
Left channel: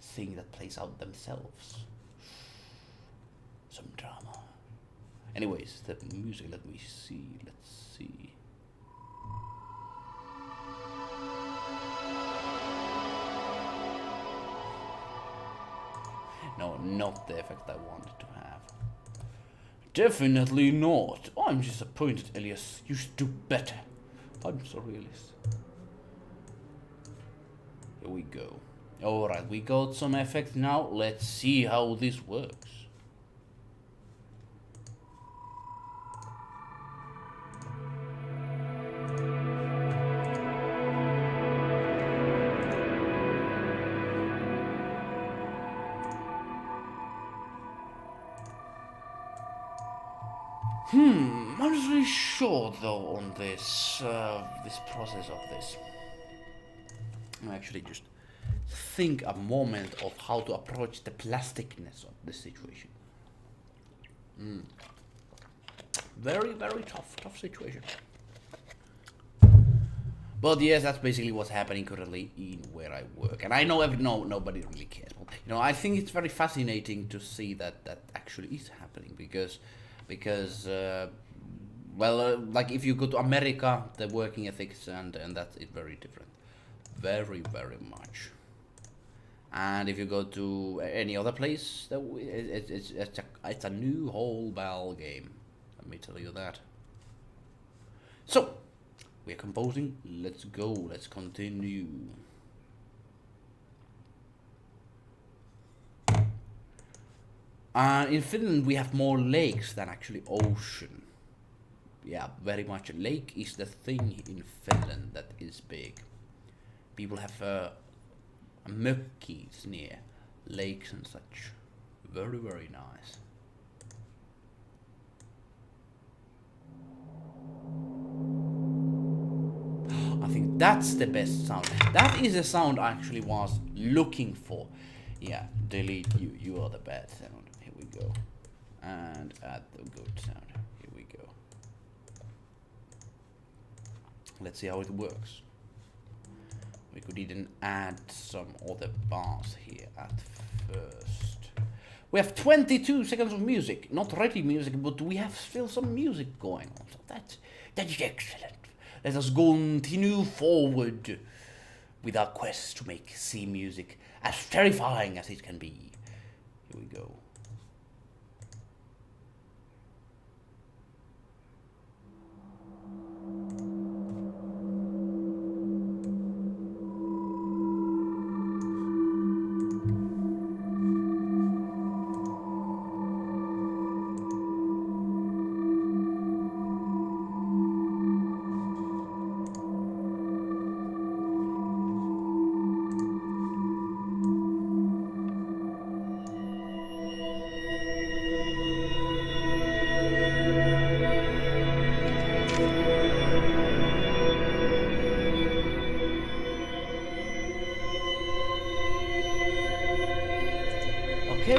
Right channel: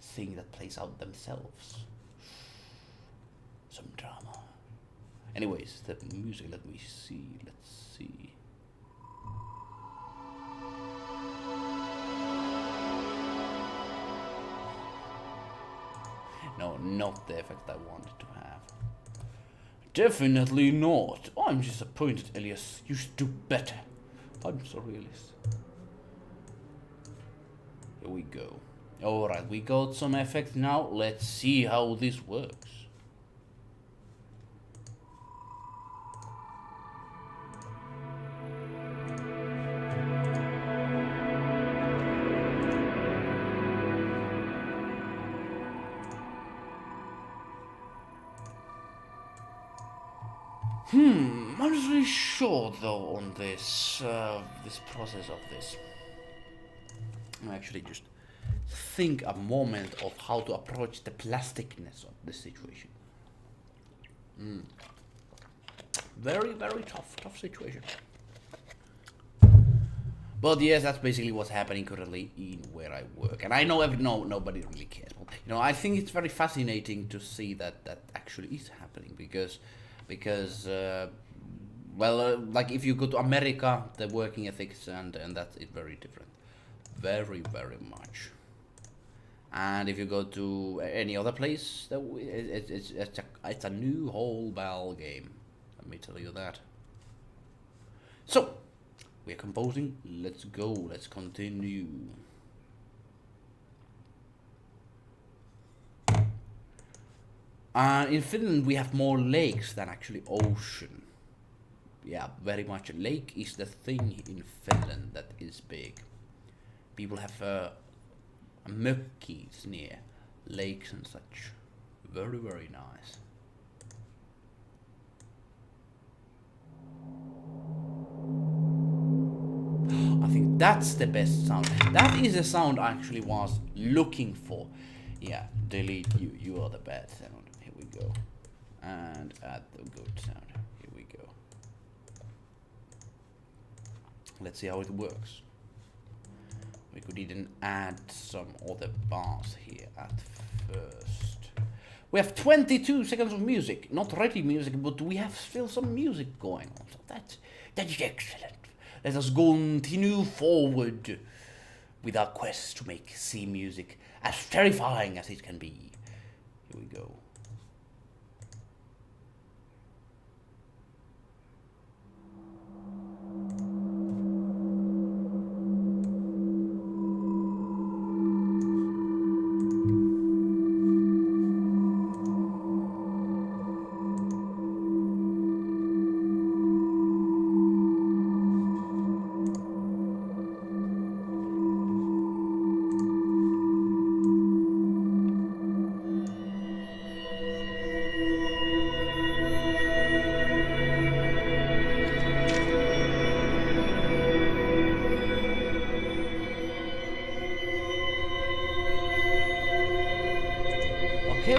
seeing that plays out themselves. Some drama. Anyways, the music, let's see. No, not the effect I wanted to have. Definitely not. I'm disappointed, Elias. You should do better. I'm so realist. Here we go. Alright, we got some effect now. Let's see how this works. I'm not really sure though on this this process of this. I actually just think a moment of how to approach the plasticness of the situation. Very tough situation. But yes, that's basically what's happening currently in where I work, and I know nobody really cares. I think it's very fascinating to see that actually is happening, because like if you go to America, the working ethics and that's it very different, very much. And if you go to any other place, it's a new whole ball game. Let me tell you that. So we are composing. Let's go. Let's continue. In Finland we have more lakes than actually ocean. Yeah, very much. Lake is the thing in Finland that is big. People have mökkis near lakes and such. Very nice. I think that's the best sound. That is the sound I actually was looking for. Yeah, delete you. You are the bad sound. Here we go. And add the good sound. Here we go. Let's see how it works. We could even add some other bars here at first. We have 22 seconds of music. Not ready music, but we have still some music going on. So that is excellent. Let us continue forward with our quest to make sea music as terrifying as it can be. Here we go.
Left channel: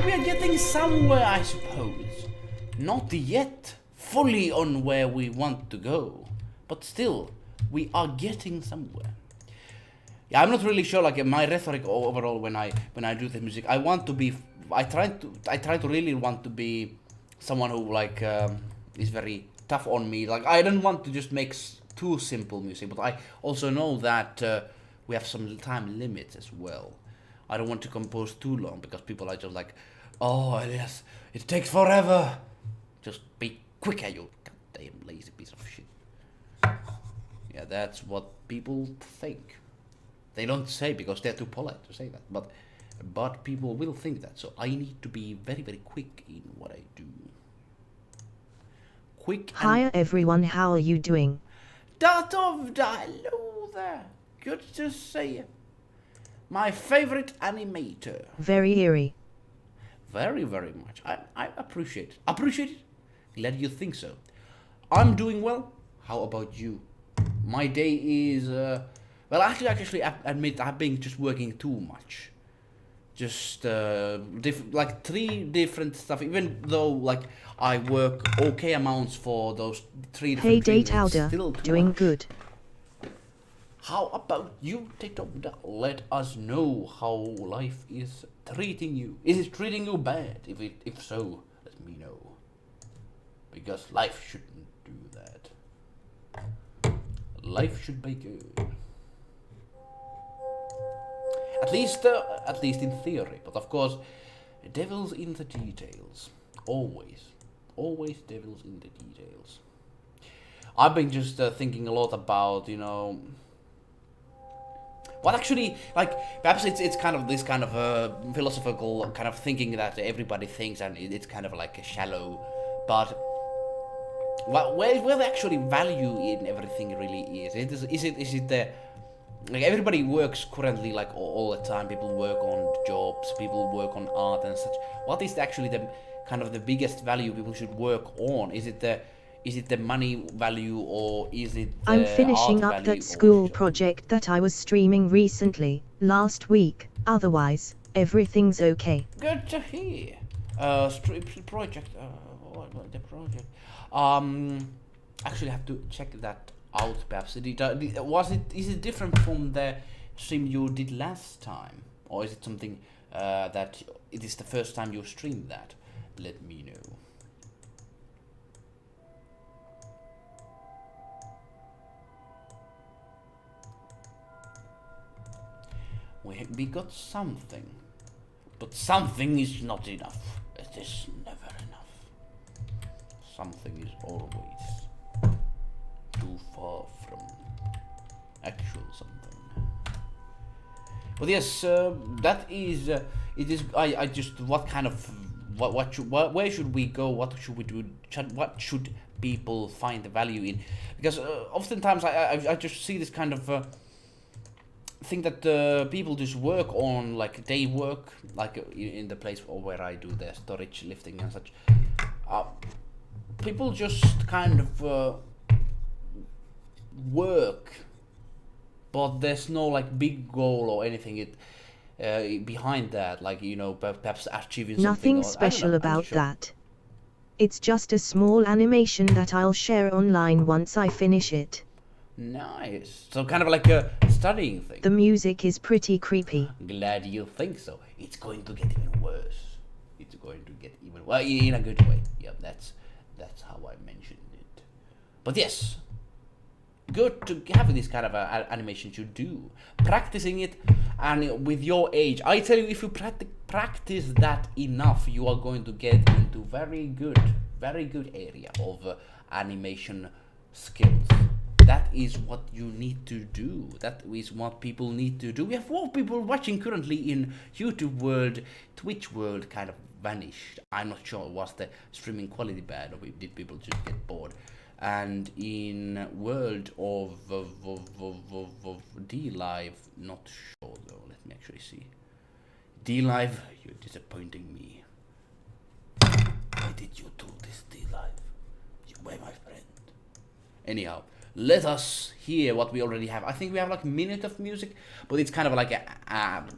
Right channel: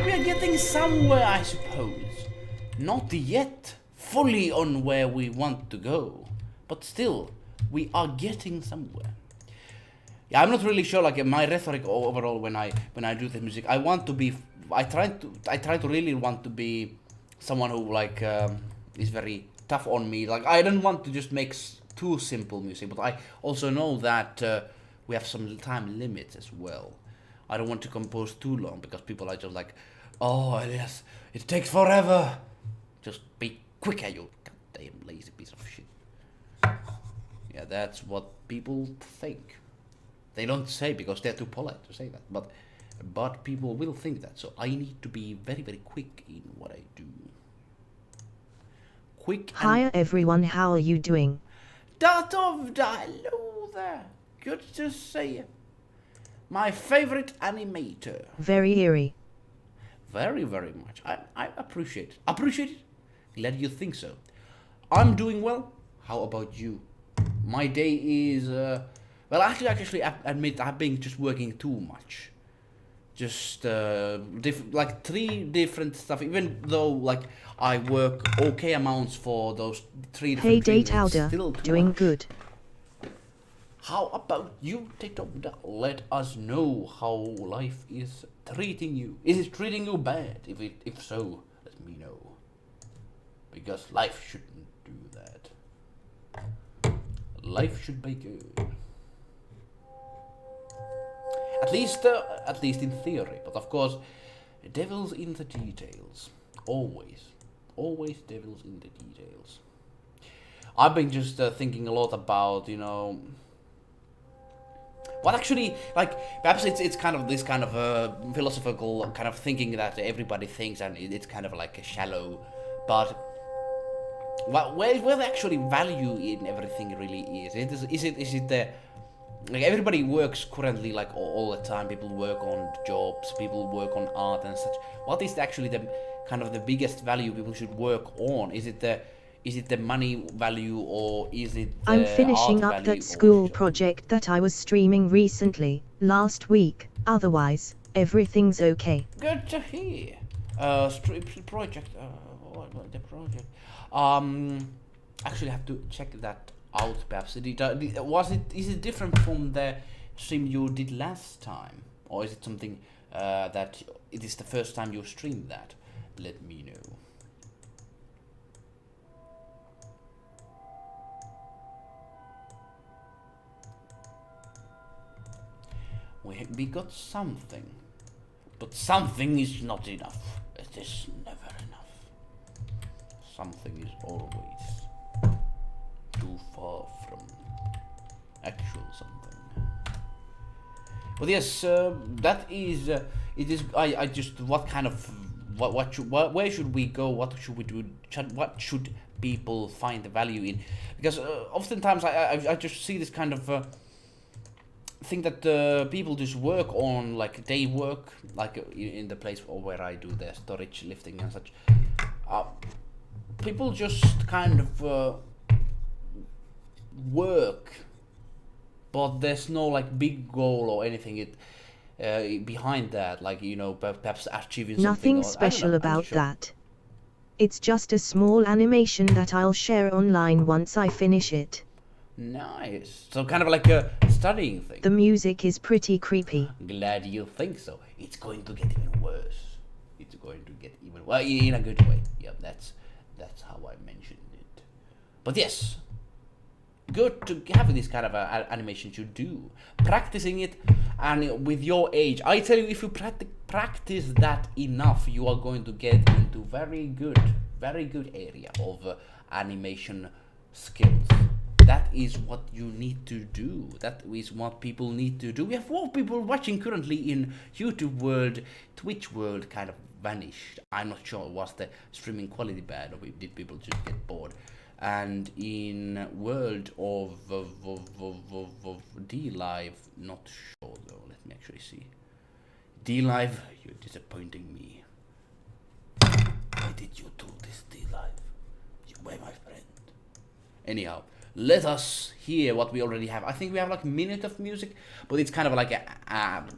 we are getting somewhere, I suppose. Not yet fully on where we want to go, but still, we are getting somewhere. Yeah, I'm not really sure. Like my rhetoric overall when I do the music, I want to be. I try to really want to be someone who like is very tough on me. Like I don't want to just make too simple music, but I also know that we have some time limits as well. I don't want to compose too long because people are just like, oh yes, it takes forever. Just be quicker, you goddamn lazy piece of shit. Yeah, that's what people think. They don't say because they're too polite to say that, but people will think that. So I need to be very, very quick in what I do. Quick. Hi everyone, how are you doing? Hello there. Good to see you. My favorite animator. Very eerie. Very, very much. I appreciate it. Appreciate it? Glad you think so. I'm doing well. How about you? My day is, well, actually, I admit I've been just working too much. Just, like 3 different stuff, even though, like, I work okay amounts for those 3 different Hey things, Date it's Outer, still too doing much. good. How about you, TikTok? Let us know how life is treating you. Is it treating you bad? If so, let me know. Because life shouldn't do that. Life should be good. At least in theory. But of course, devil's in the details. Always devils in the details. I've been just thinking a lot about, you know, what actually, like, perhaps it's kind of this kind of philosophical kind of thinking that everybody thinks, and it's kind of like a shallow, but where the actually value in everything really is. Is it the, like, everybody works currently like all the time. People work on jobs, people work on art and such. What is actually the kind of the biggest value people should work on? Is it the money value, or is it the I'm finishing art up value, that school or project that I was streaming recently, last week. Otherwise, everything's okay. Good to hear. Project. What the project? Actually, have to check that out. Perhaps is it different from the stream you did last time, or is it something that it is the first time you streamed that? Let me know. We got something, but something is not enough. It is never enough. Something is always too far from actual something. But yes, that is. It is. I just. What kind of. Where should we go? What should we do? What should people find the value in? Because oftentimes I just see this kind of. Think that people just work on, like, they work like in the place where I do the storage lifting and such. People just kind of work, but there's no like big goal or anything behind that, like, you know, perhaps achieving Nothing something. special about that. It's just a small animation that I'll share online once I finish it. Nice. So kind of like a studying thing. The music is pretty creepy. Glad you think so. It's going to get even worse. It's going to get even, well, in a good way. Yeah, that's how I mentioned it. But yes, good to have this kind of animation to do. Practicing it, and with your age, I tell you, if you practice that enough, you are going to get into very good area of animation skills. That is what you need to do. That is what people need to do. We have more people watching currently in YouTube world. Twitch world kind of vanished. I'm not sure, was the streaming quality bad, or did people just get bored? And in world of D-Live, not sure though. Let me actually see. D-Live, you're disappointing me. Why did you do this, D-Live? You were my friend. Anyhow, let us hear what we already have. I think we have like a minute of music, but it's kind of like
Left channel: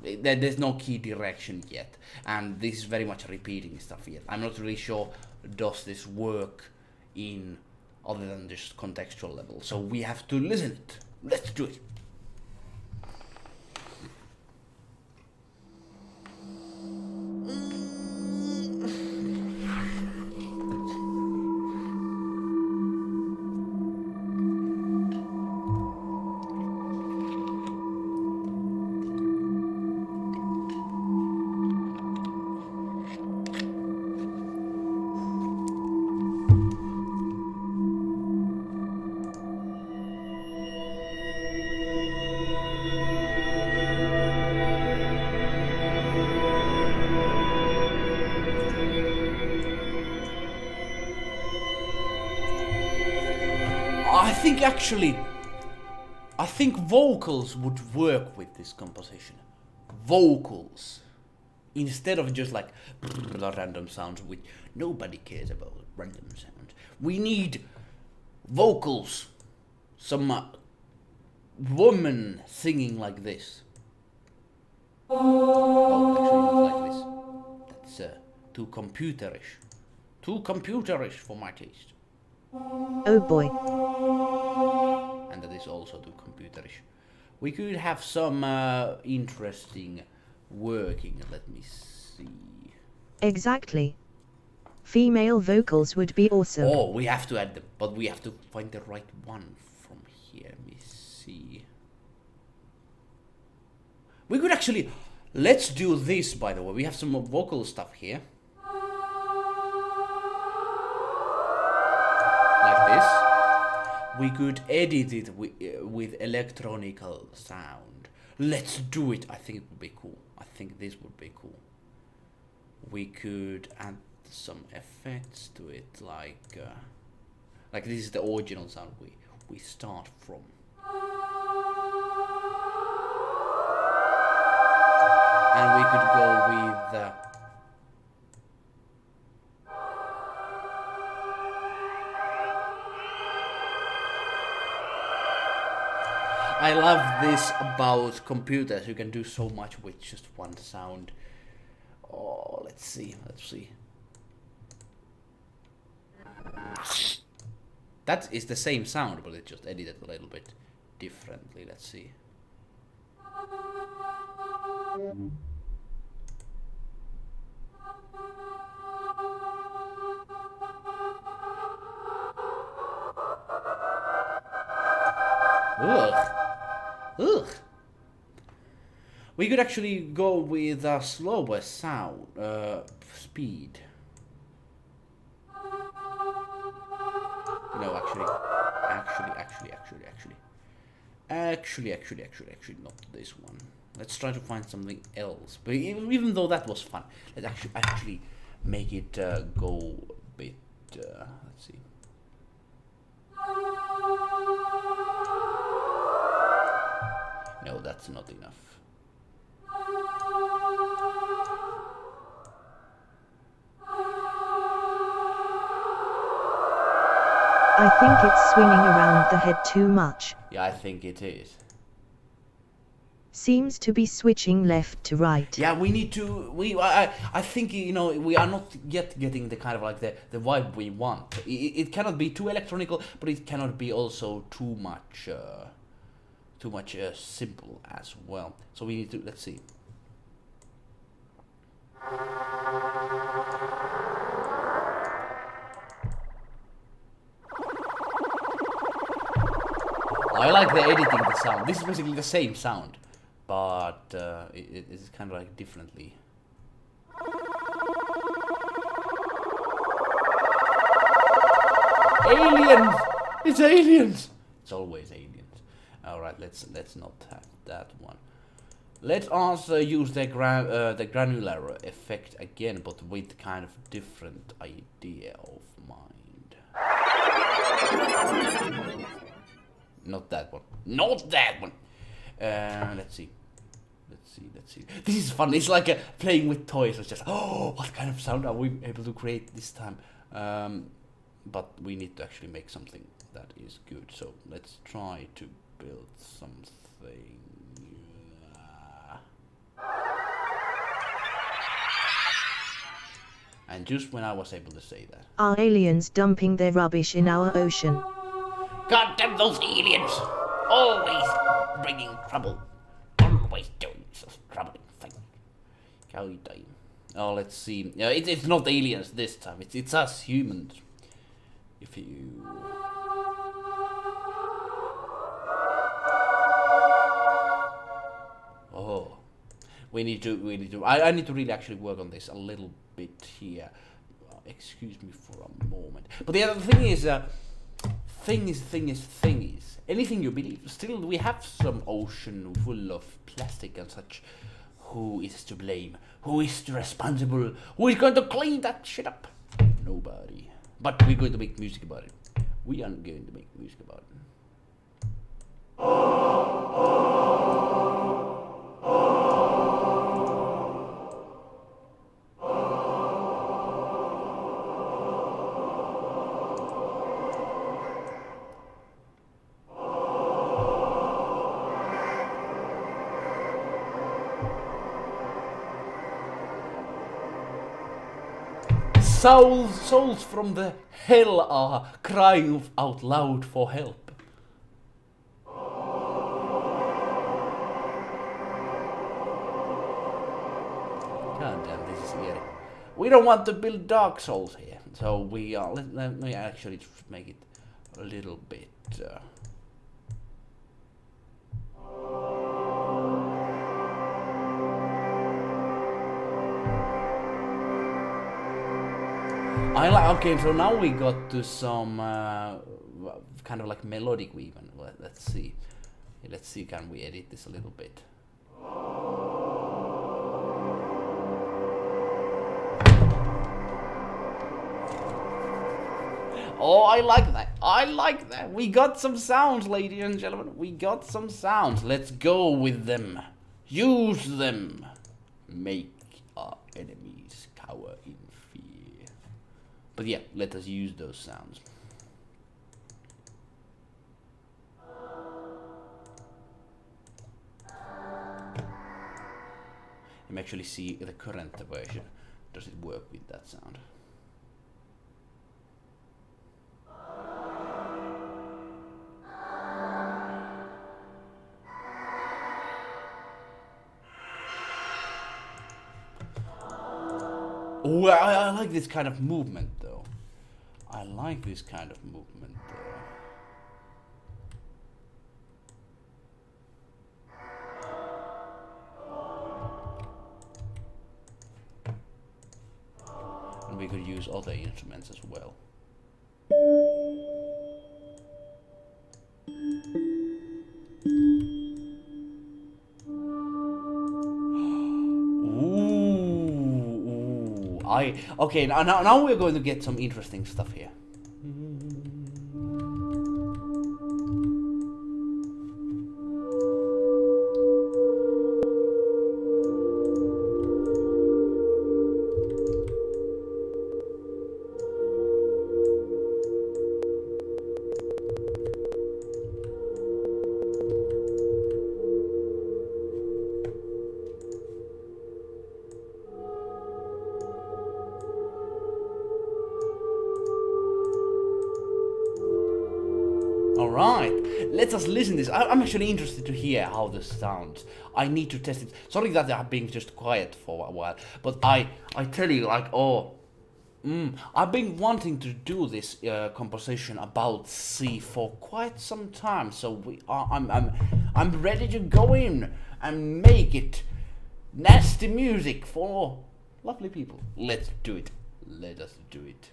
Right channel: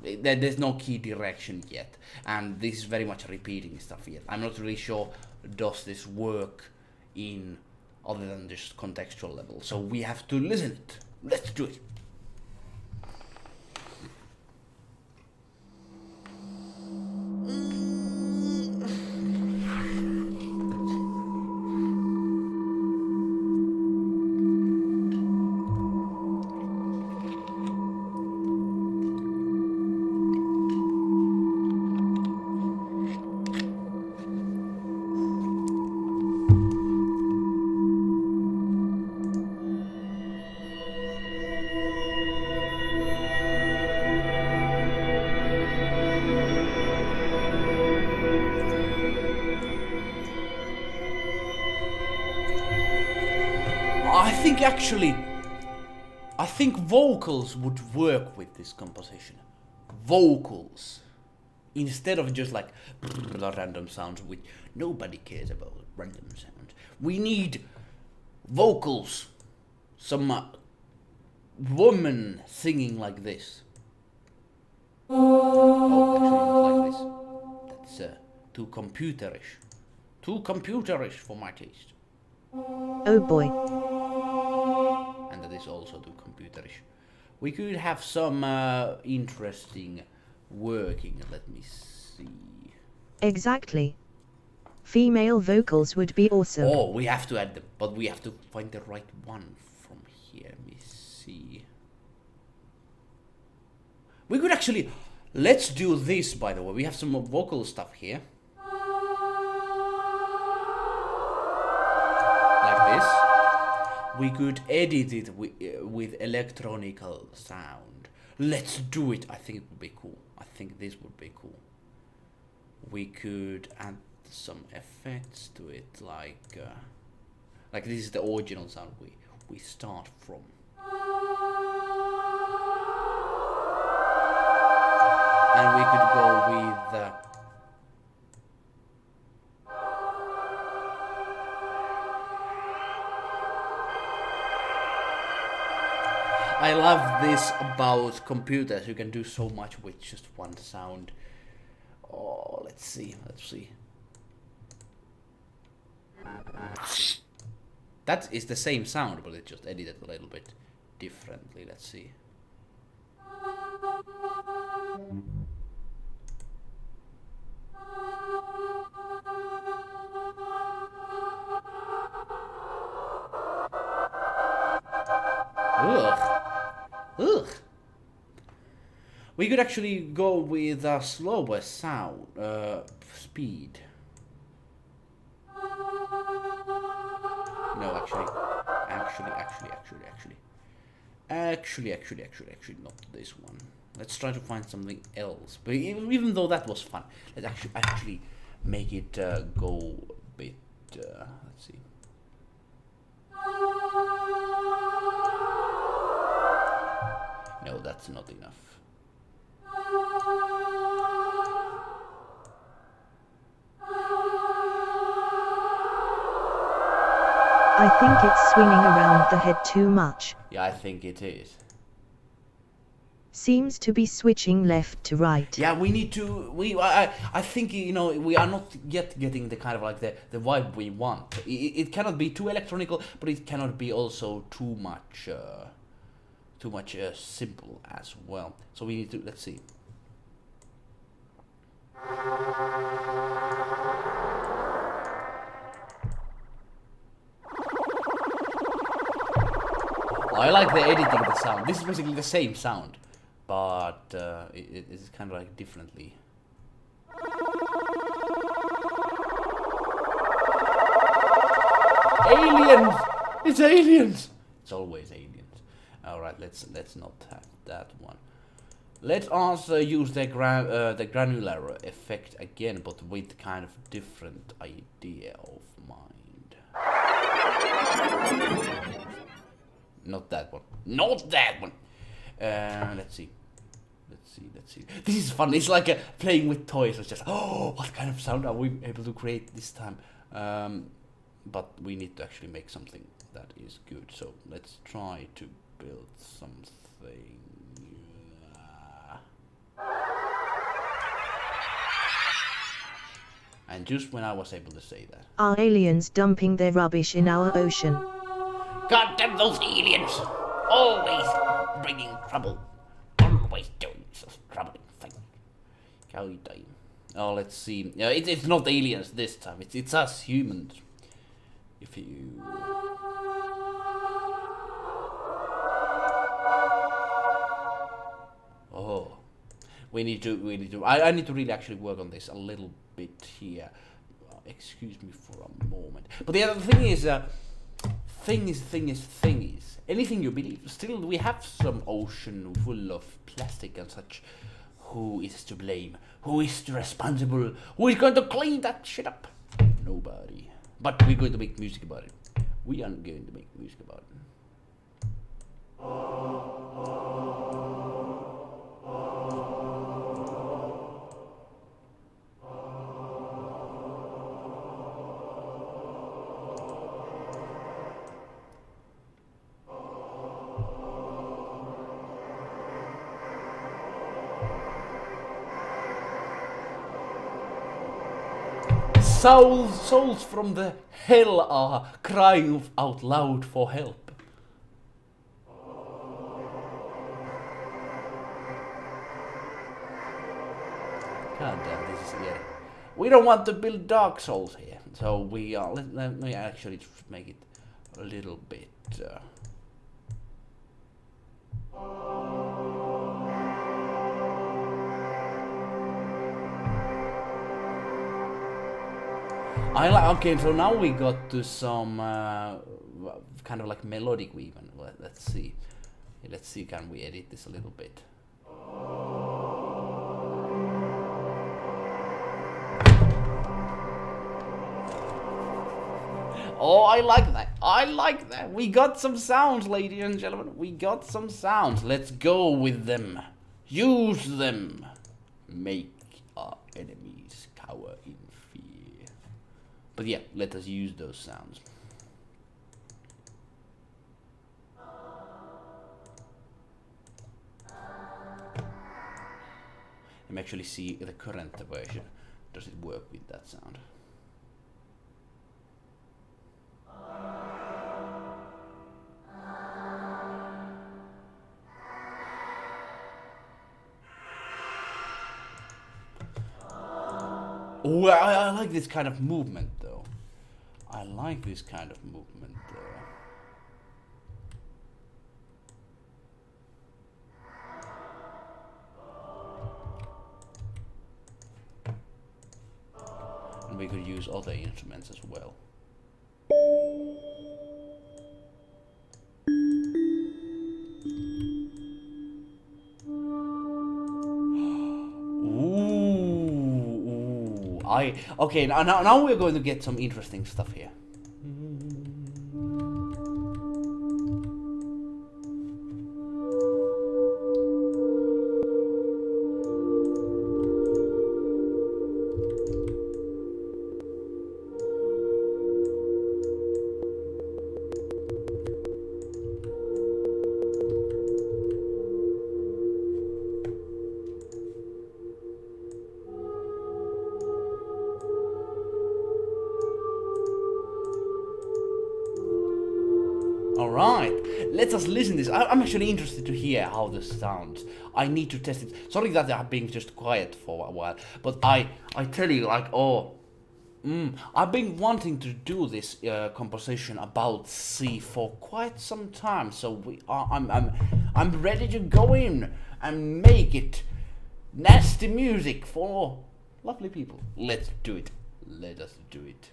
there's no key direction yet, and this is very much repeating stuff yet. I'm not really sure does this work in other than just contextual level, so we have to listen it. Let's do it. I think vocals would work with this composition. Vocals. Instead of just like random sounds, which nobody cares about random sounds. We need vocals. Some woman singing like this. Oh, actually not like this. That's too computerish. Too computerish for my taste. Oh boy. And that is also too computerish. We could have some interesting working. Let me see. Exactly. Female vocals would be awesome. Oh, we have to add them, but we have to find the right one from here. Let me see. We could actually... Let's do this, by the way. We have some more vocal stuff here. Like this. We could edit it with electronical sound. Let's do it. I think it would be cool. I think this would be cool. We could add some effects to it, like this is the original sound we start from. And we could go with I love this about computers. You can do so much with just one sound. Oh, let's see. That is the same sound, but it's just edited a little bit differently. Let's see. Ugh. We could actually go with a slower sound speed. No, actually, not this one. Let's try to find something else. But even though that was fun, let's actually make it go a bit. Let's see. No, that's not enough. I think it's swinging around the head too much. Yeah, I think it is. Seems to be switching left to right. Yeah, we need to. I think we are not yet getting the kind of like the vibe we want. It cannot be too electronical, but it cannot be also too much simple as well. So we need to, let's see. I like the editing the sound. This is basically the same sound, but it is kind of like differently. Aliens! It's aliens! It's always aliens. Alright, let's not have that one. Let us use the granular effect again, but with kind of different idea of mind. Not that one. Not that one! Let's see. This is fun. It's like playing with toys. It's just, oh, what kind of sound are we able to create this time? But we need to actually make something that is good. So let's try to build something. And just when I was able to say that. Are aliens dumping their rubbish in our ocean? God damn those aliens! Always bringing trouble. Always doing some troubling thing. God damn. Oh, let's see. It's not aliens this time. It's us humans. If you... Oh. We need to... I need to really actually work on this a little bit here. Excuse me for a moment. But the other thing is... Thing is, anything you believe. Still, we have some ocean full of plastic and such. Who is to blame? Who is responsible? Who is going to clean that shit up? Nobody. But we're going to make music about it. We are going to make music about it. Souls from the hell are crying out loud for help. God damn, this is scary. We don't want to build Dark Souls here, so we are. Let me actually make it a little bit. I like. Okay, so now we got to some kind of like melodic weaving. Let's see. Let's see. Can we edit this a little bit? Oh, I like that. I like that. We got some sounds, ladies and gentlemen. We got some sounds. Let's go with them. Use them. Make our enemies cower in fear. But yeah, let us use those sounds. Let me actually see the current version. Does it work with that sound? Oh, I like this kind of movement though. I like this kind of movement though. And we could use other instruments as well. Okay, now we're going to get some interesting stuff here. Alright, let us listen to this. I'm actually interested to hear how this sounds. I need to test it. Sorry that I've been just quiet for a while, but I tell you, like, I've been wanting to do this composition about sea for quite some time. So I'm ready to go in and make it nasty music for lovely people. Let's do it. Let us do it.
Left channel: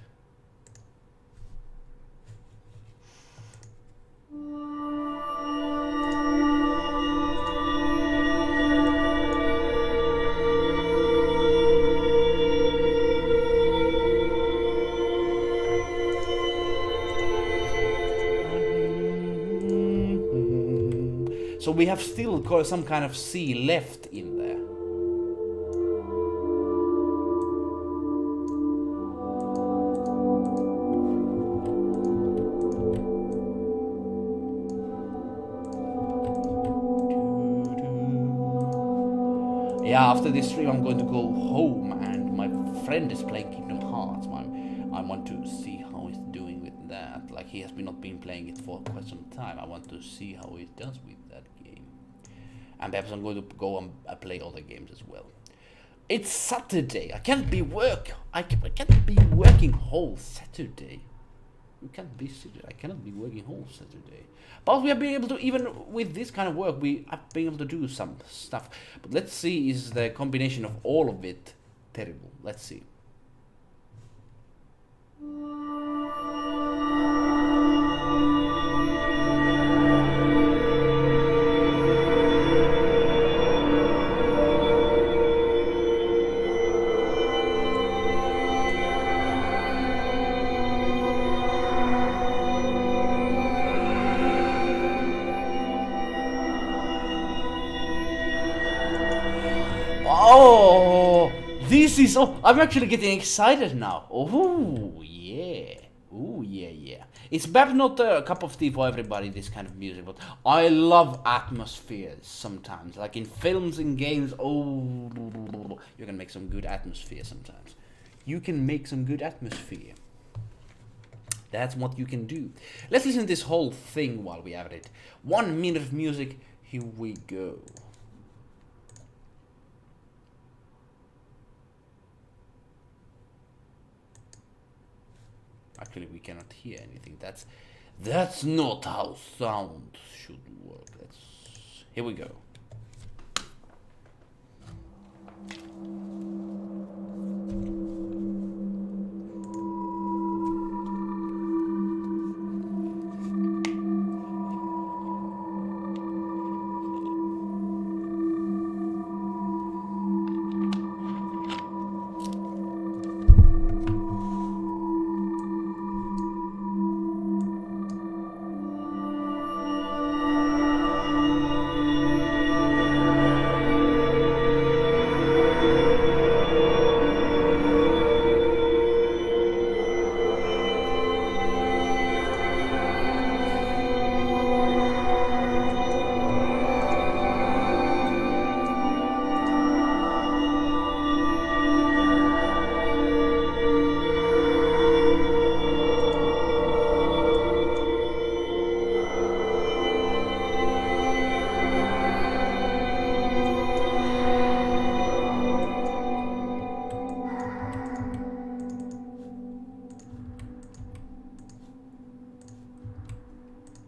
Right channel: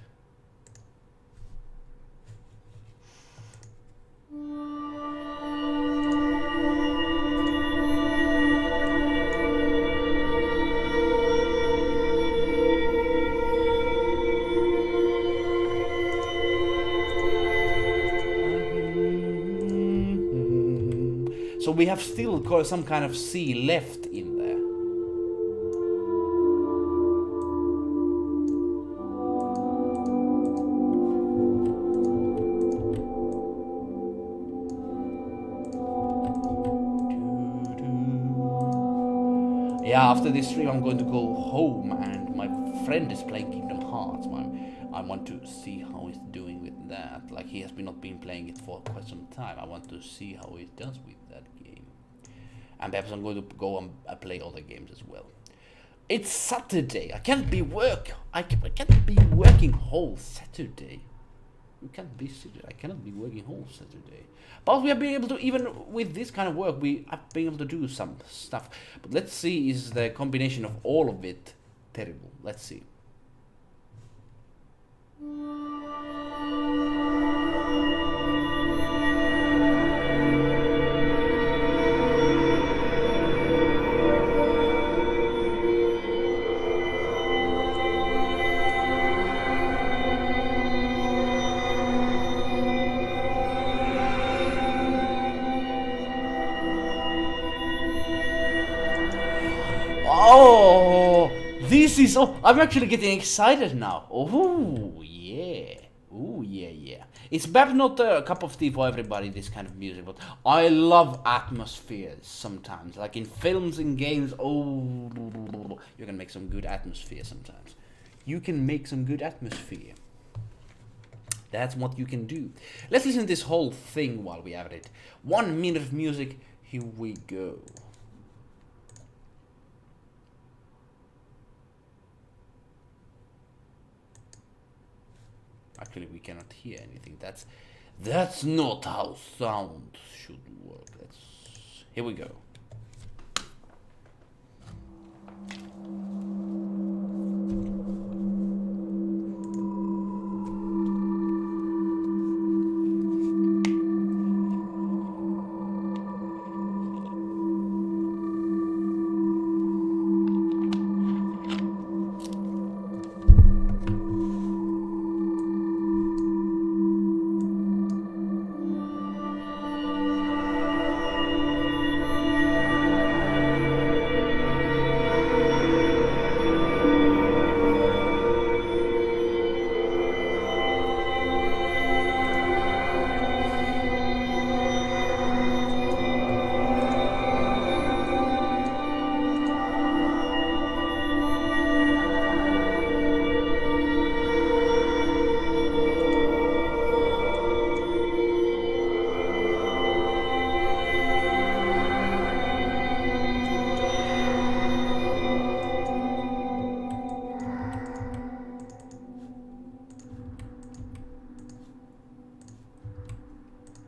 So we have still got some kind of sea left in there. yeah, after this stream I'm going to go home, and my friend is playing Kingdom Hearts. I want to see how he's doing with that. Like, he has not been playing it for quite some time. I want to see how he does with that game. And perhaps I'm going to go and play other games as well. It's Saturday. I can't be working whole Saturday. You can't be Saturday. I cannot be working whole Saturday. But we have been able to, even with this kind of work, we have been able to do some stuff. But let's see, is the combination of all of it terrible? Let's see. Oh, this is, oh, I'm actually getting excited now. Oh, yeah. Oh, yeah, yeah. It's perhaps not a cup of tea for everybody, this kind of music, but I love atmospheres sometimes. Like in films and games, oh, you can make some good atmosphere sometimes. You can make some good atmosphere. That's what you can do. Let's listen to this whole thing while we have it. 1 minute of music, here we go. Actually, we cannot hear anything. That's not how sound should work. Here we go.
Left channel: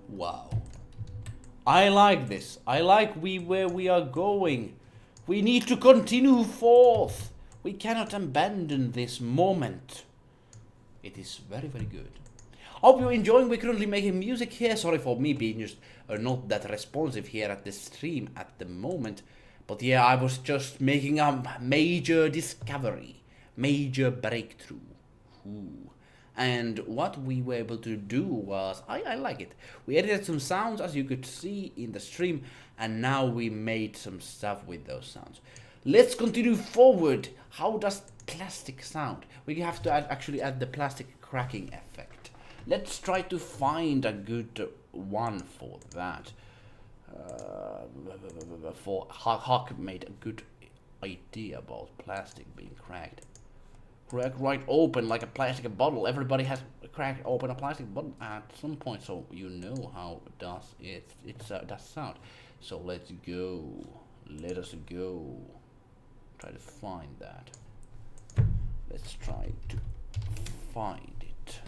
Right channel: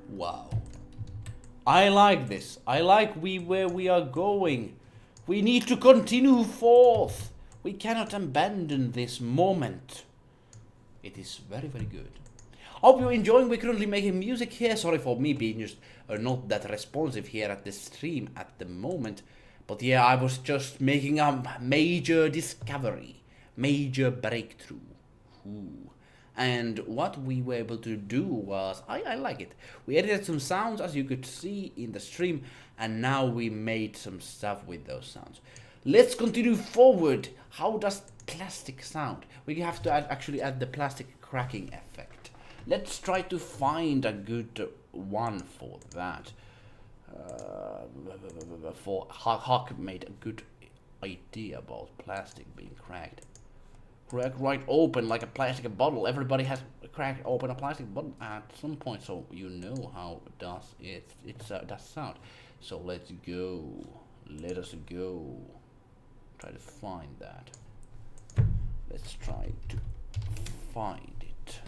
Wow. I like this. I like where we are going. We need to continue forth. We cannot abandon this moment. It is very, very good. Hope you're enjoying. We're currently making music here. Sorry for me being just not that responsive here at the stream at the moment. But yeah, I was just making a major discovery. Major breakthrough. Ooh. And what we were able to do was, I like it. We edited some sounds, as you could see in the stream, and now we made some stuff with those sounds. Let's continue forward. How does plastic sound? We have to actually add the plastic cracking effect. Let's try to find a good one for that. For Huck made a good idea about plastic being cracked. Crack right open like a plastic bottle. Everybody has cracked open a plastic bottle at some point, so you know how does it does sound. So let's go. Let us go. Try to find that. Let's try to find it.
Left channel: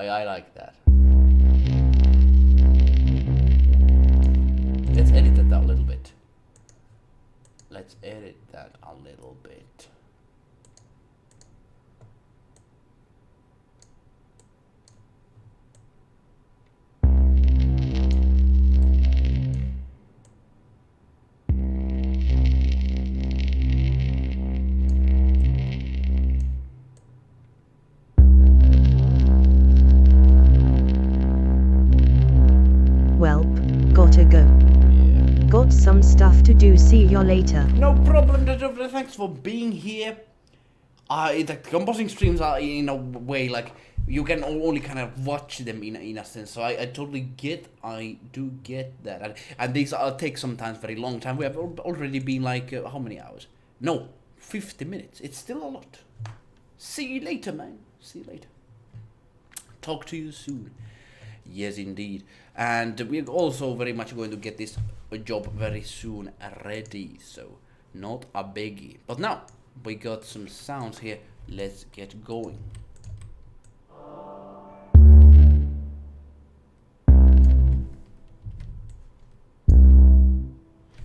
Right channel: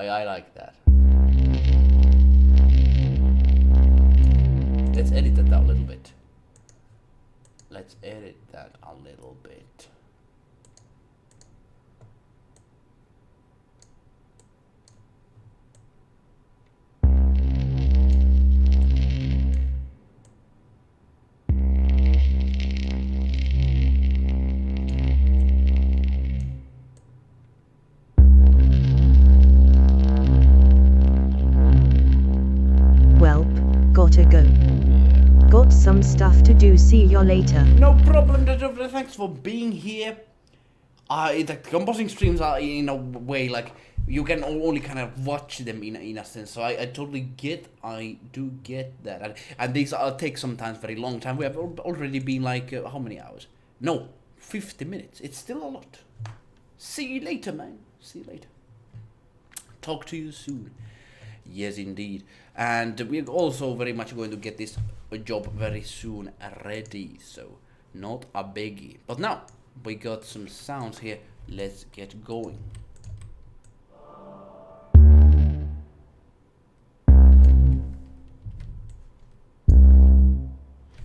I like that. Let's edit that a little bit. Let's edit that a little bit. Welp, gotta go. Yeah. Got some some stuff to do. See you later. No problem, thanks for being here. The composing streams are in a way like you can only kind of watch them in a sense. So I totally do get that. And these take sometimes very long time. We have already been like, how many hours? No, 50 minutes. It's still a lot. See you later, man. See you later. Talk to you soon. Yes, indeed. And we're also very much going to get this job very soon ready. So not a biggie. But now we got some sounds here. Let's get going.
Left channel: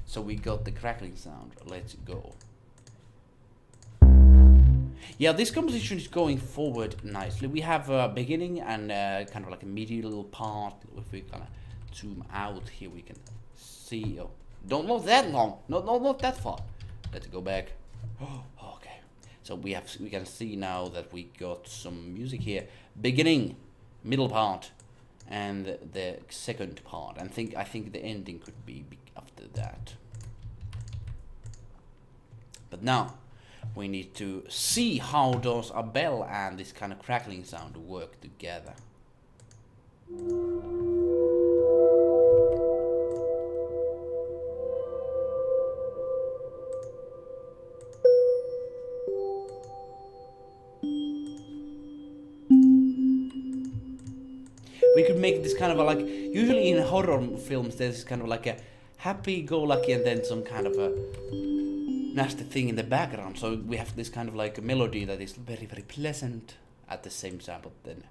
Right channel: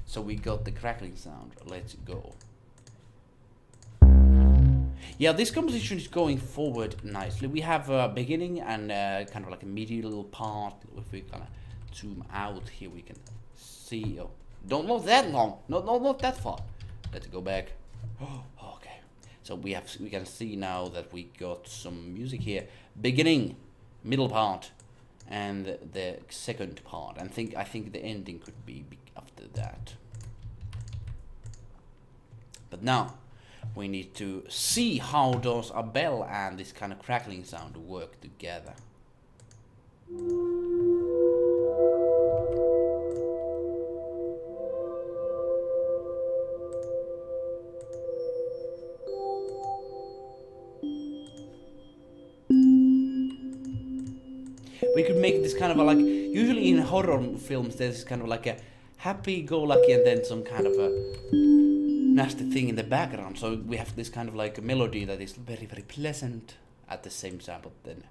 So we got the crackling sound. Let's go. Yeah, this composition is going forward nicely. We have a beginning and kind of like a middle part. If we kind of zoom out here, we can see. Oh, not that long. Not that far. Let's go back. Oh, okay. So we can see now that we got some music here. Beginning, middle part, and the second part. And I think the ending could be after that. But now we need to see how does a bell and this kind of crackling sound work together. We could make this kind of a, like, usually in horror films there's kind of like a happy-go-lucky and then some kind of a nasty thing in the background. So we have this kind of like a melody that is very, very pleasant at the same time, but then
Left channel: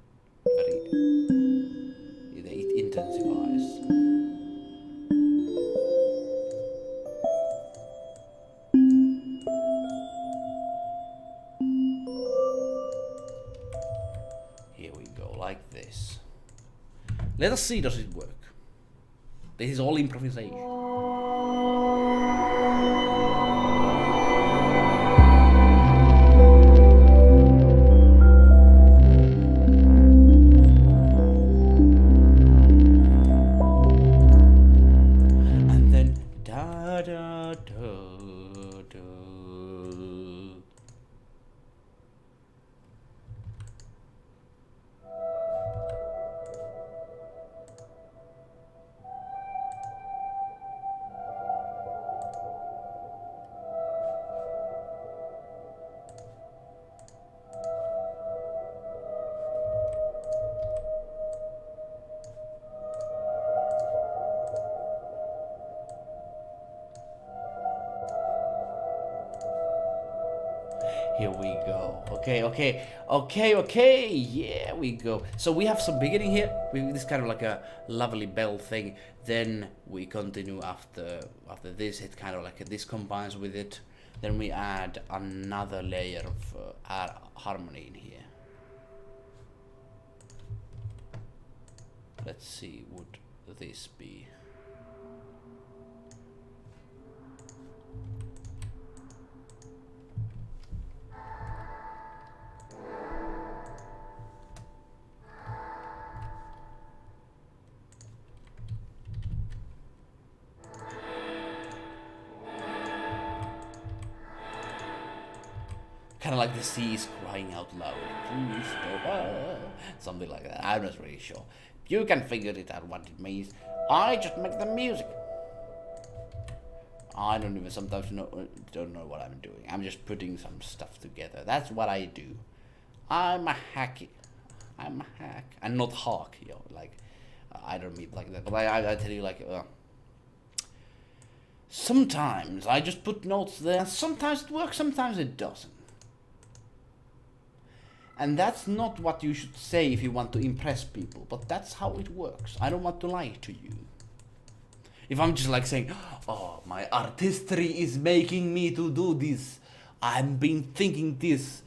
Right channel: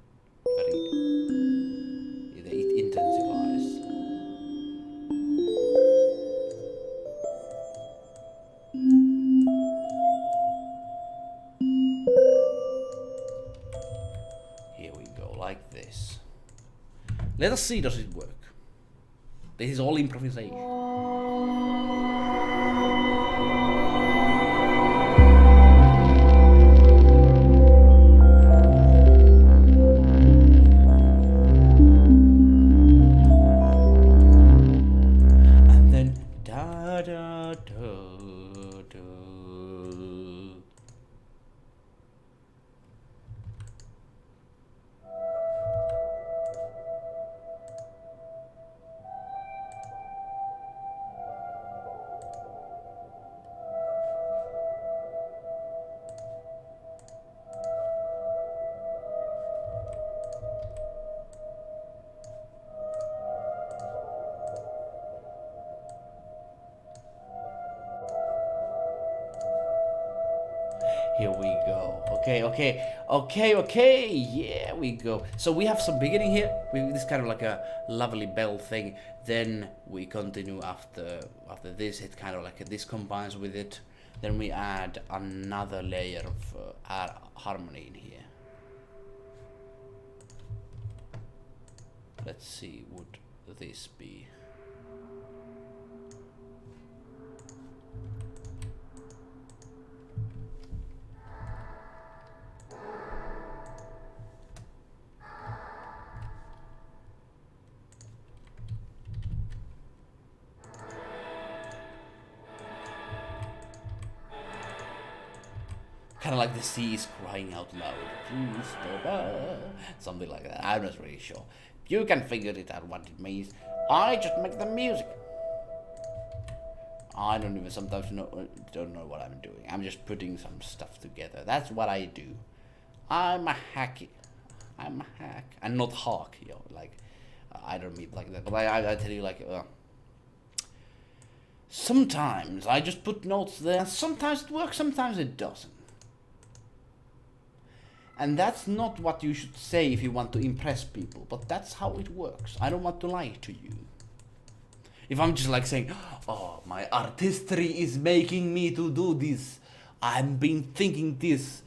it intensifies. Here we go, like this. Let us see, does it work? This is all improvisation. Here we go. Okay. Yeah, we go. So we have some beginning here. This kind of like a lovely bell thing. Then we continue after this. It kind of like this combines with it. Then we add another layer of harmony in here. Let's see, would this be? Kind of like the sea is crying out loud. Please stop. Something like that. I'm not really sure. You can figure it out what it means. I just make the music. I don't even sometimes don't know what I'm doing. I'm just putting some stuff together. That's what I do. I'm a hack. And not hawk, like I don't mean like that. But I tell you, like sometimes I just put notes there. Sometimes it works, sometimes it doesn't. And that's not what you should say if you want to impress people, but that's how it works. I don't want to lie to you. If I'm just like saying, oh, my artistry is making me to do this. I've been thinking this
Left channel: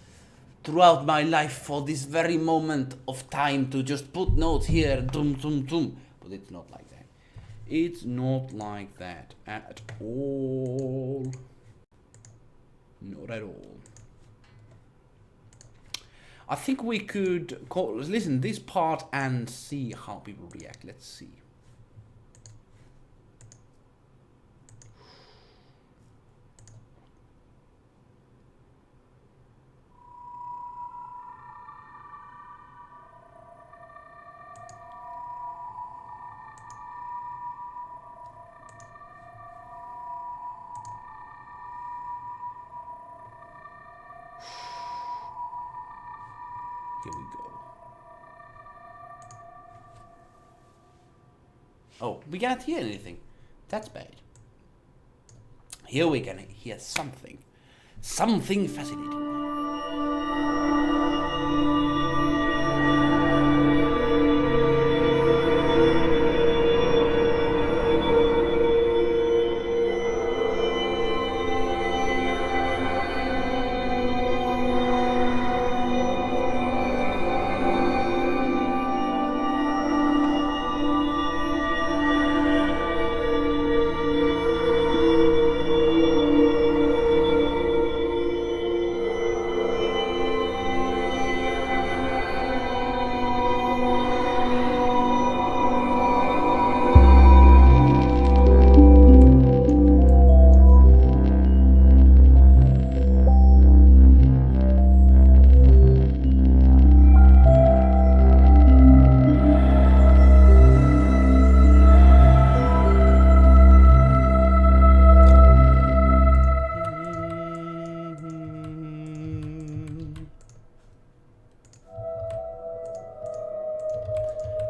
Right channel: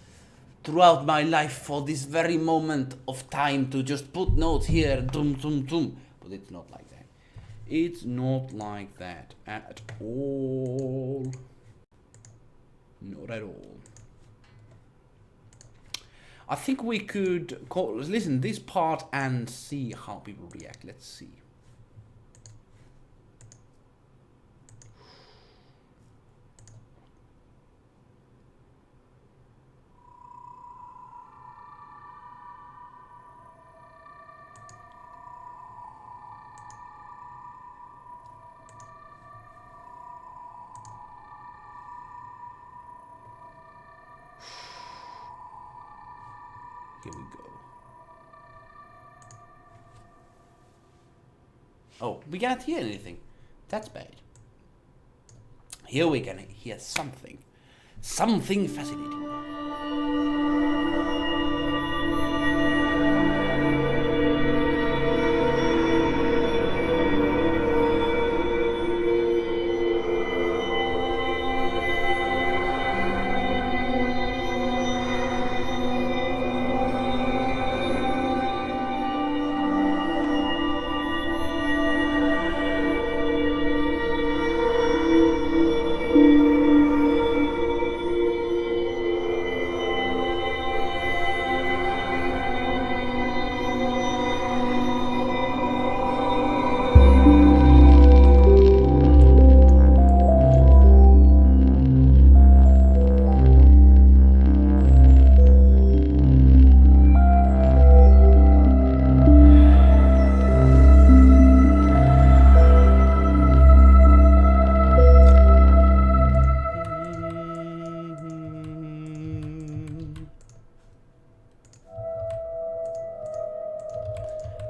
throughout my life for this very moment of time to just put notes here, dum. But it's not like that. It's not like that at all. Not at all. I think we could listen this part and see how people react. Let's see. Here we go. Oh, we can't hear anything. That's bad. Here we can hear something. Something fascinating.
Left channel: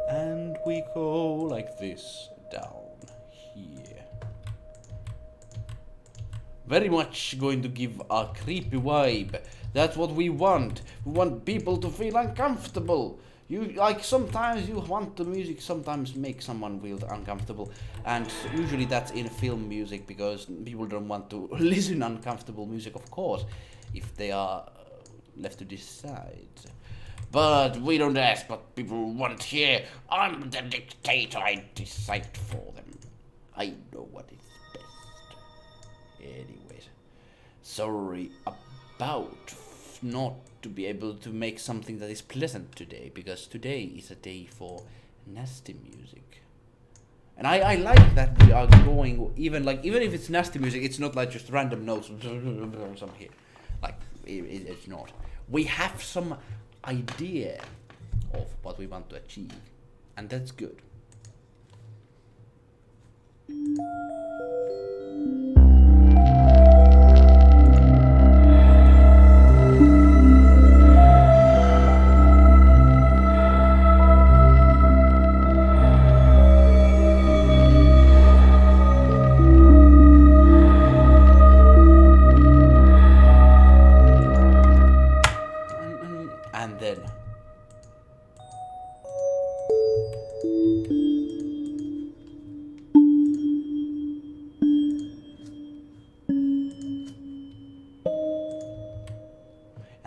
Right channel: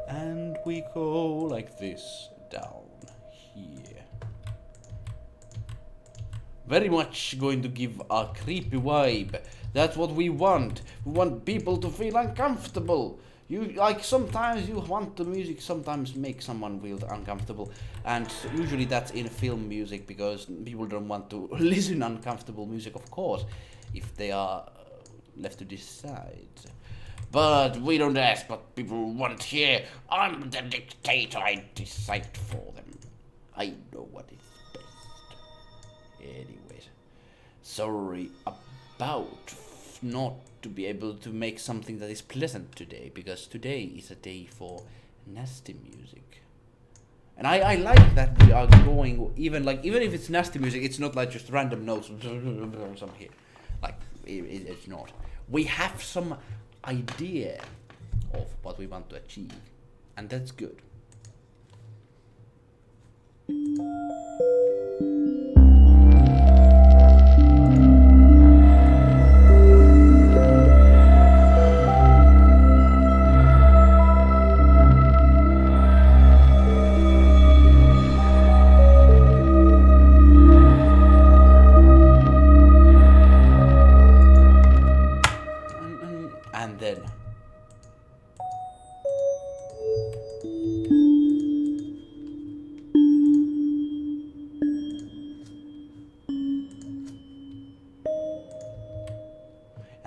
And we go like this down here. Very much going to give a creepy vibe. That's what we want. We want people to feel uncomfortable. You like sometimes you want the music sometimes make someone feel uncomfortable, and usually that's in film music because people don't want to listen uncomfortable music, of course, if they are left to decide. But we don't ask what people want here. I'm the dictator. I decide for them. I know what is best. Anyways, sorry about not to be able to make something that is pleasant today, because today is a day for nasty music. And I like that we are going even if it's nasty music, it's not like just random notes some here. Like it's not. We have some idea of what we want to achieve, and that's good.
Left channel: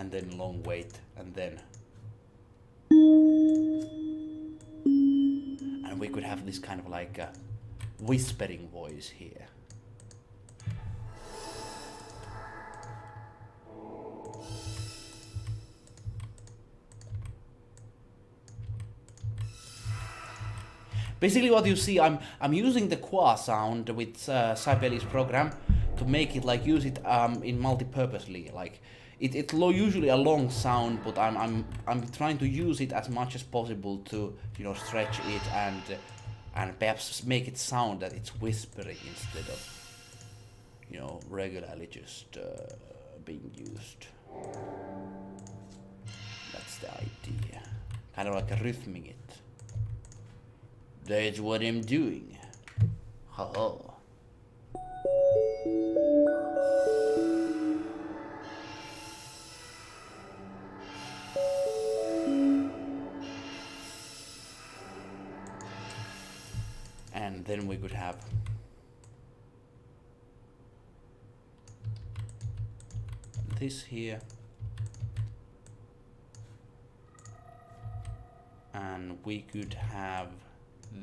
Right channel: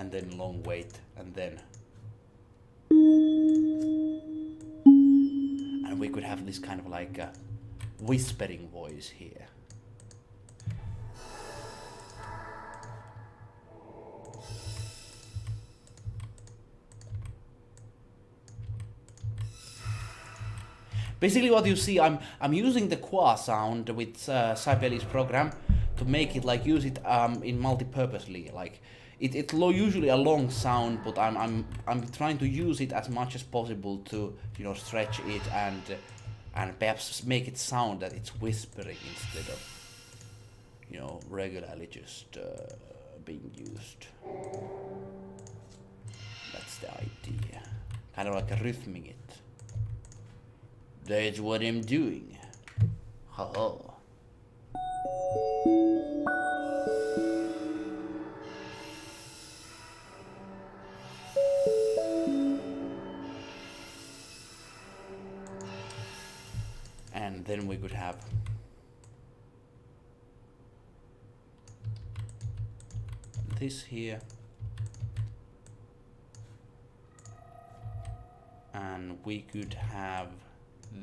And then long wait, and we could have this kind of like a whispering voice here. Basically what you see, I'm using the qua sound with Sibelius program to make it like use it in multi-purposely. Like it's usually a long sound, but I'm trying to use it as much as possible to stretch it and perhaps make it sound that it's whispering instead of regularly just being used. That's the idea. Kind of like a rhythming it. That's what I'm doing. Ha. And then we could have this here. And we could have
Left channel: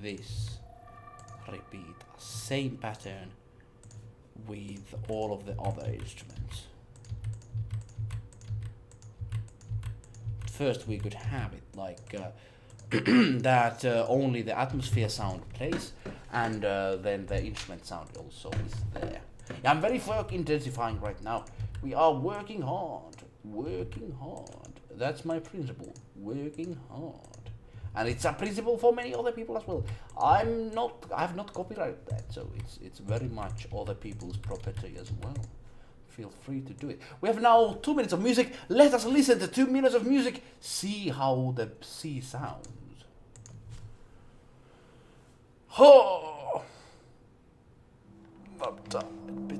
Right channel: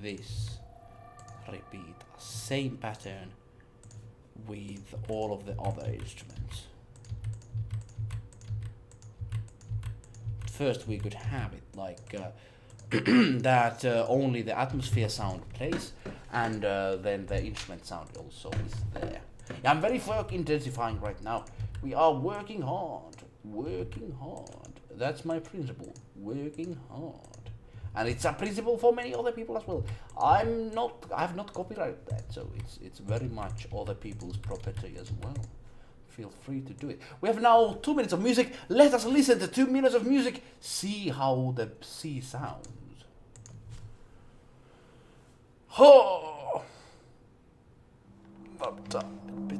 this repeat same pattern with all of the other instruments. First we could have it like that only the atmosphere sound plays, and then the instrument sound also is there. Yeah, I'm very work intensifying right now. We are working hard. That's my principle, working hard. And it's a principle for many other people as well. I've not copyrighted that, so it's very much other people's property as well. feel free to do it. We have now 2 minutes of music. Let us listen to 2 minutes of music. See how the sea sounds. Oh, not a bit.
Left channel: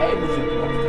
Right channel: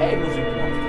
Hey, muziekmonster.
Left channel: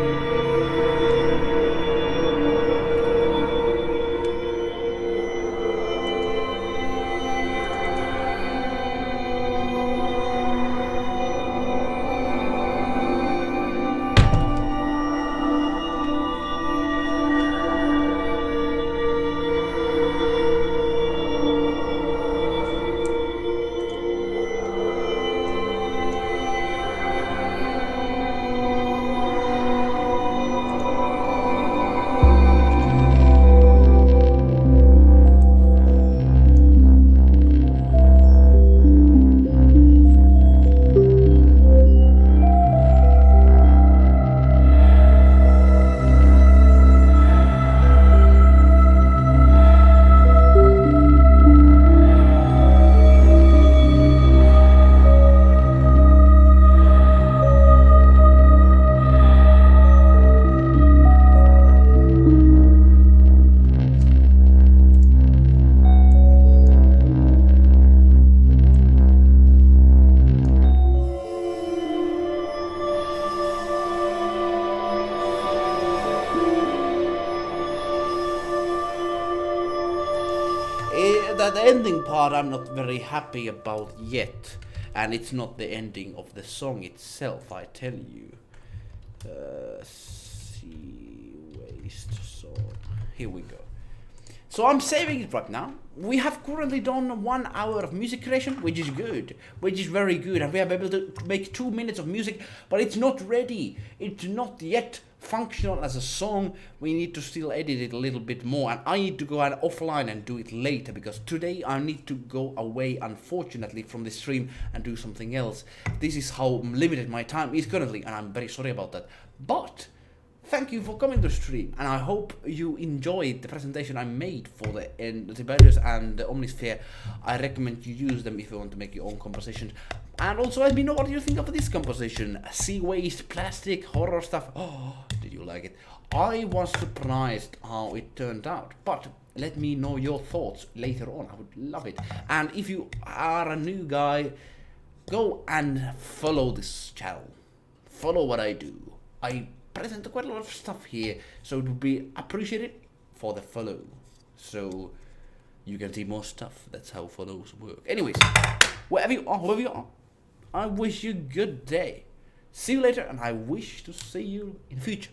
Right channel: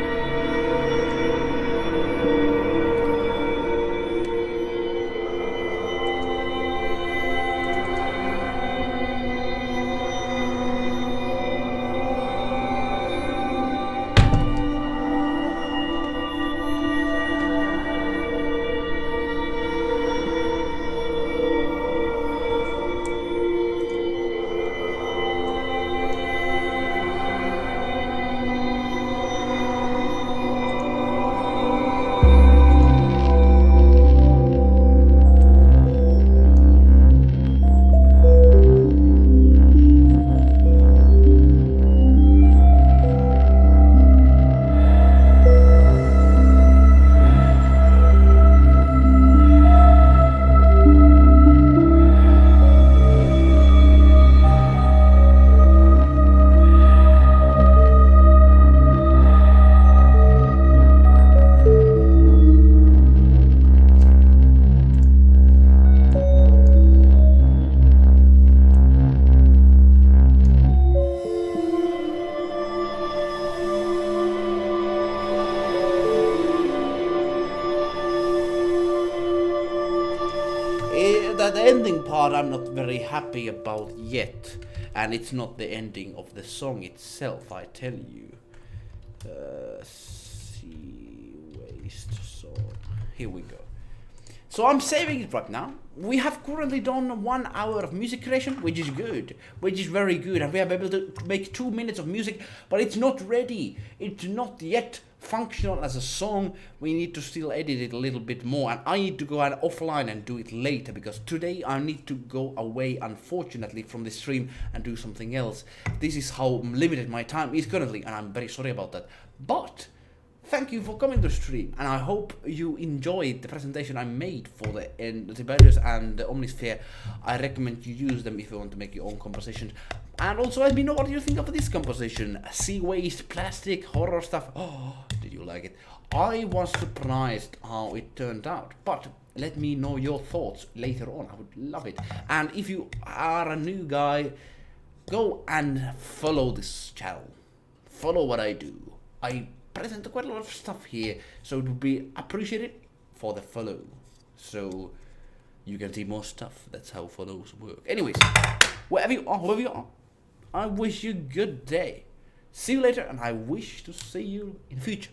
That ending part I'm not very happy about yet, and it's not the ending of the song itself, I tell you. Sea waste song. Here we go. So I'm saving it right now. We have currently done 1 hour of music creation, which is good, which is very good, and we have been able to make 2 minutes of music, but it's not ready. It's not yet functional as a song. We need to still edit it a little bit more, and I need to go out offline and do it later, because today I need to go away, unfortunately, from the stream and do something else. This is how limited my time is currently, and I'm very sorry about that. But thank you for coming to stream, and I hope you enjoyed the presentation I made for the antibiotics and the Omnisphere. I recommend you use them if you want to make your own compositions. And also let me know what you think of this composition. Sea waste, plastic, horror stuff. Oh, did you like it? I was surprised how it turned out, but let me know your thoughts later on. I would love it. And if you are a new guy, go and follow this channel. Follow what I do. I present quite a lot of stuff here, so it would be appreciated for the follow, so you can see more stuff. That's how follows work. Anyways, whoever you are, I wish you a good day. See you later, and I wish to see you in the future.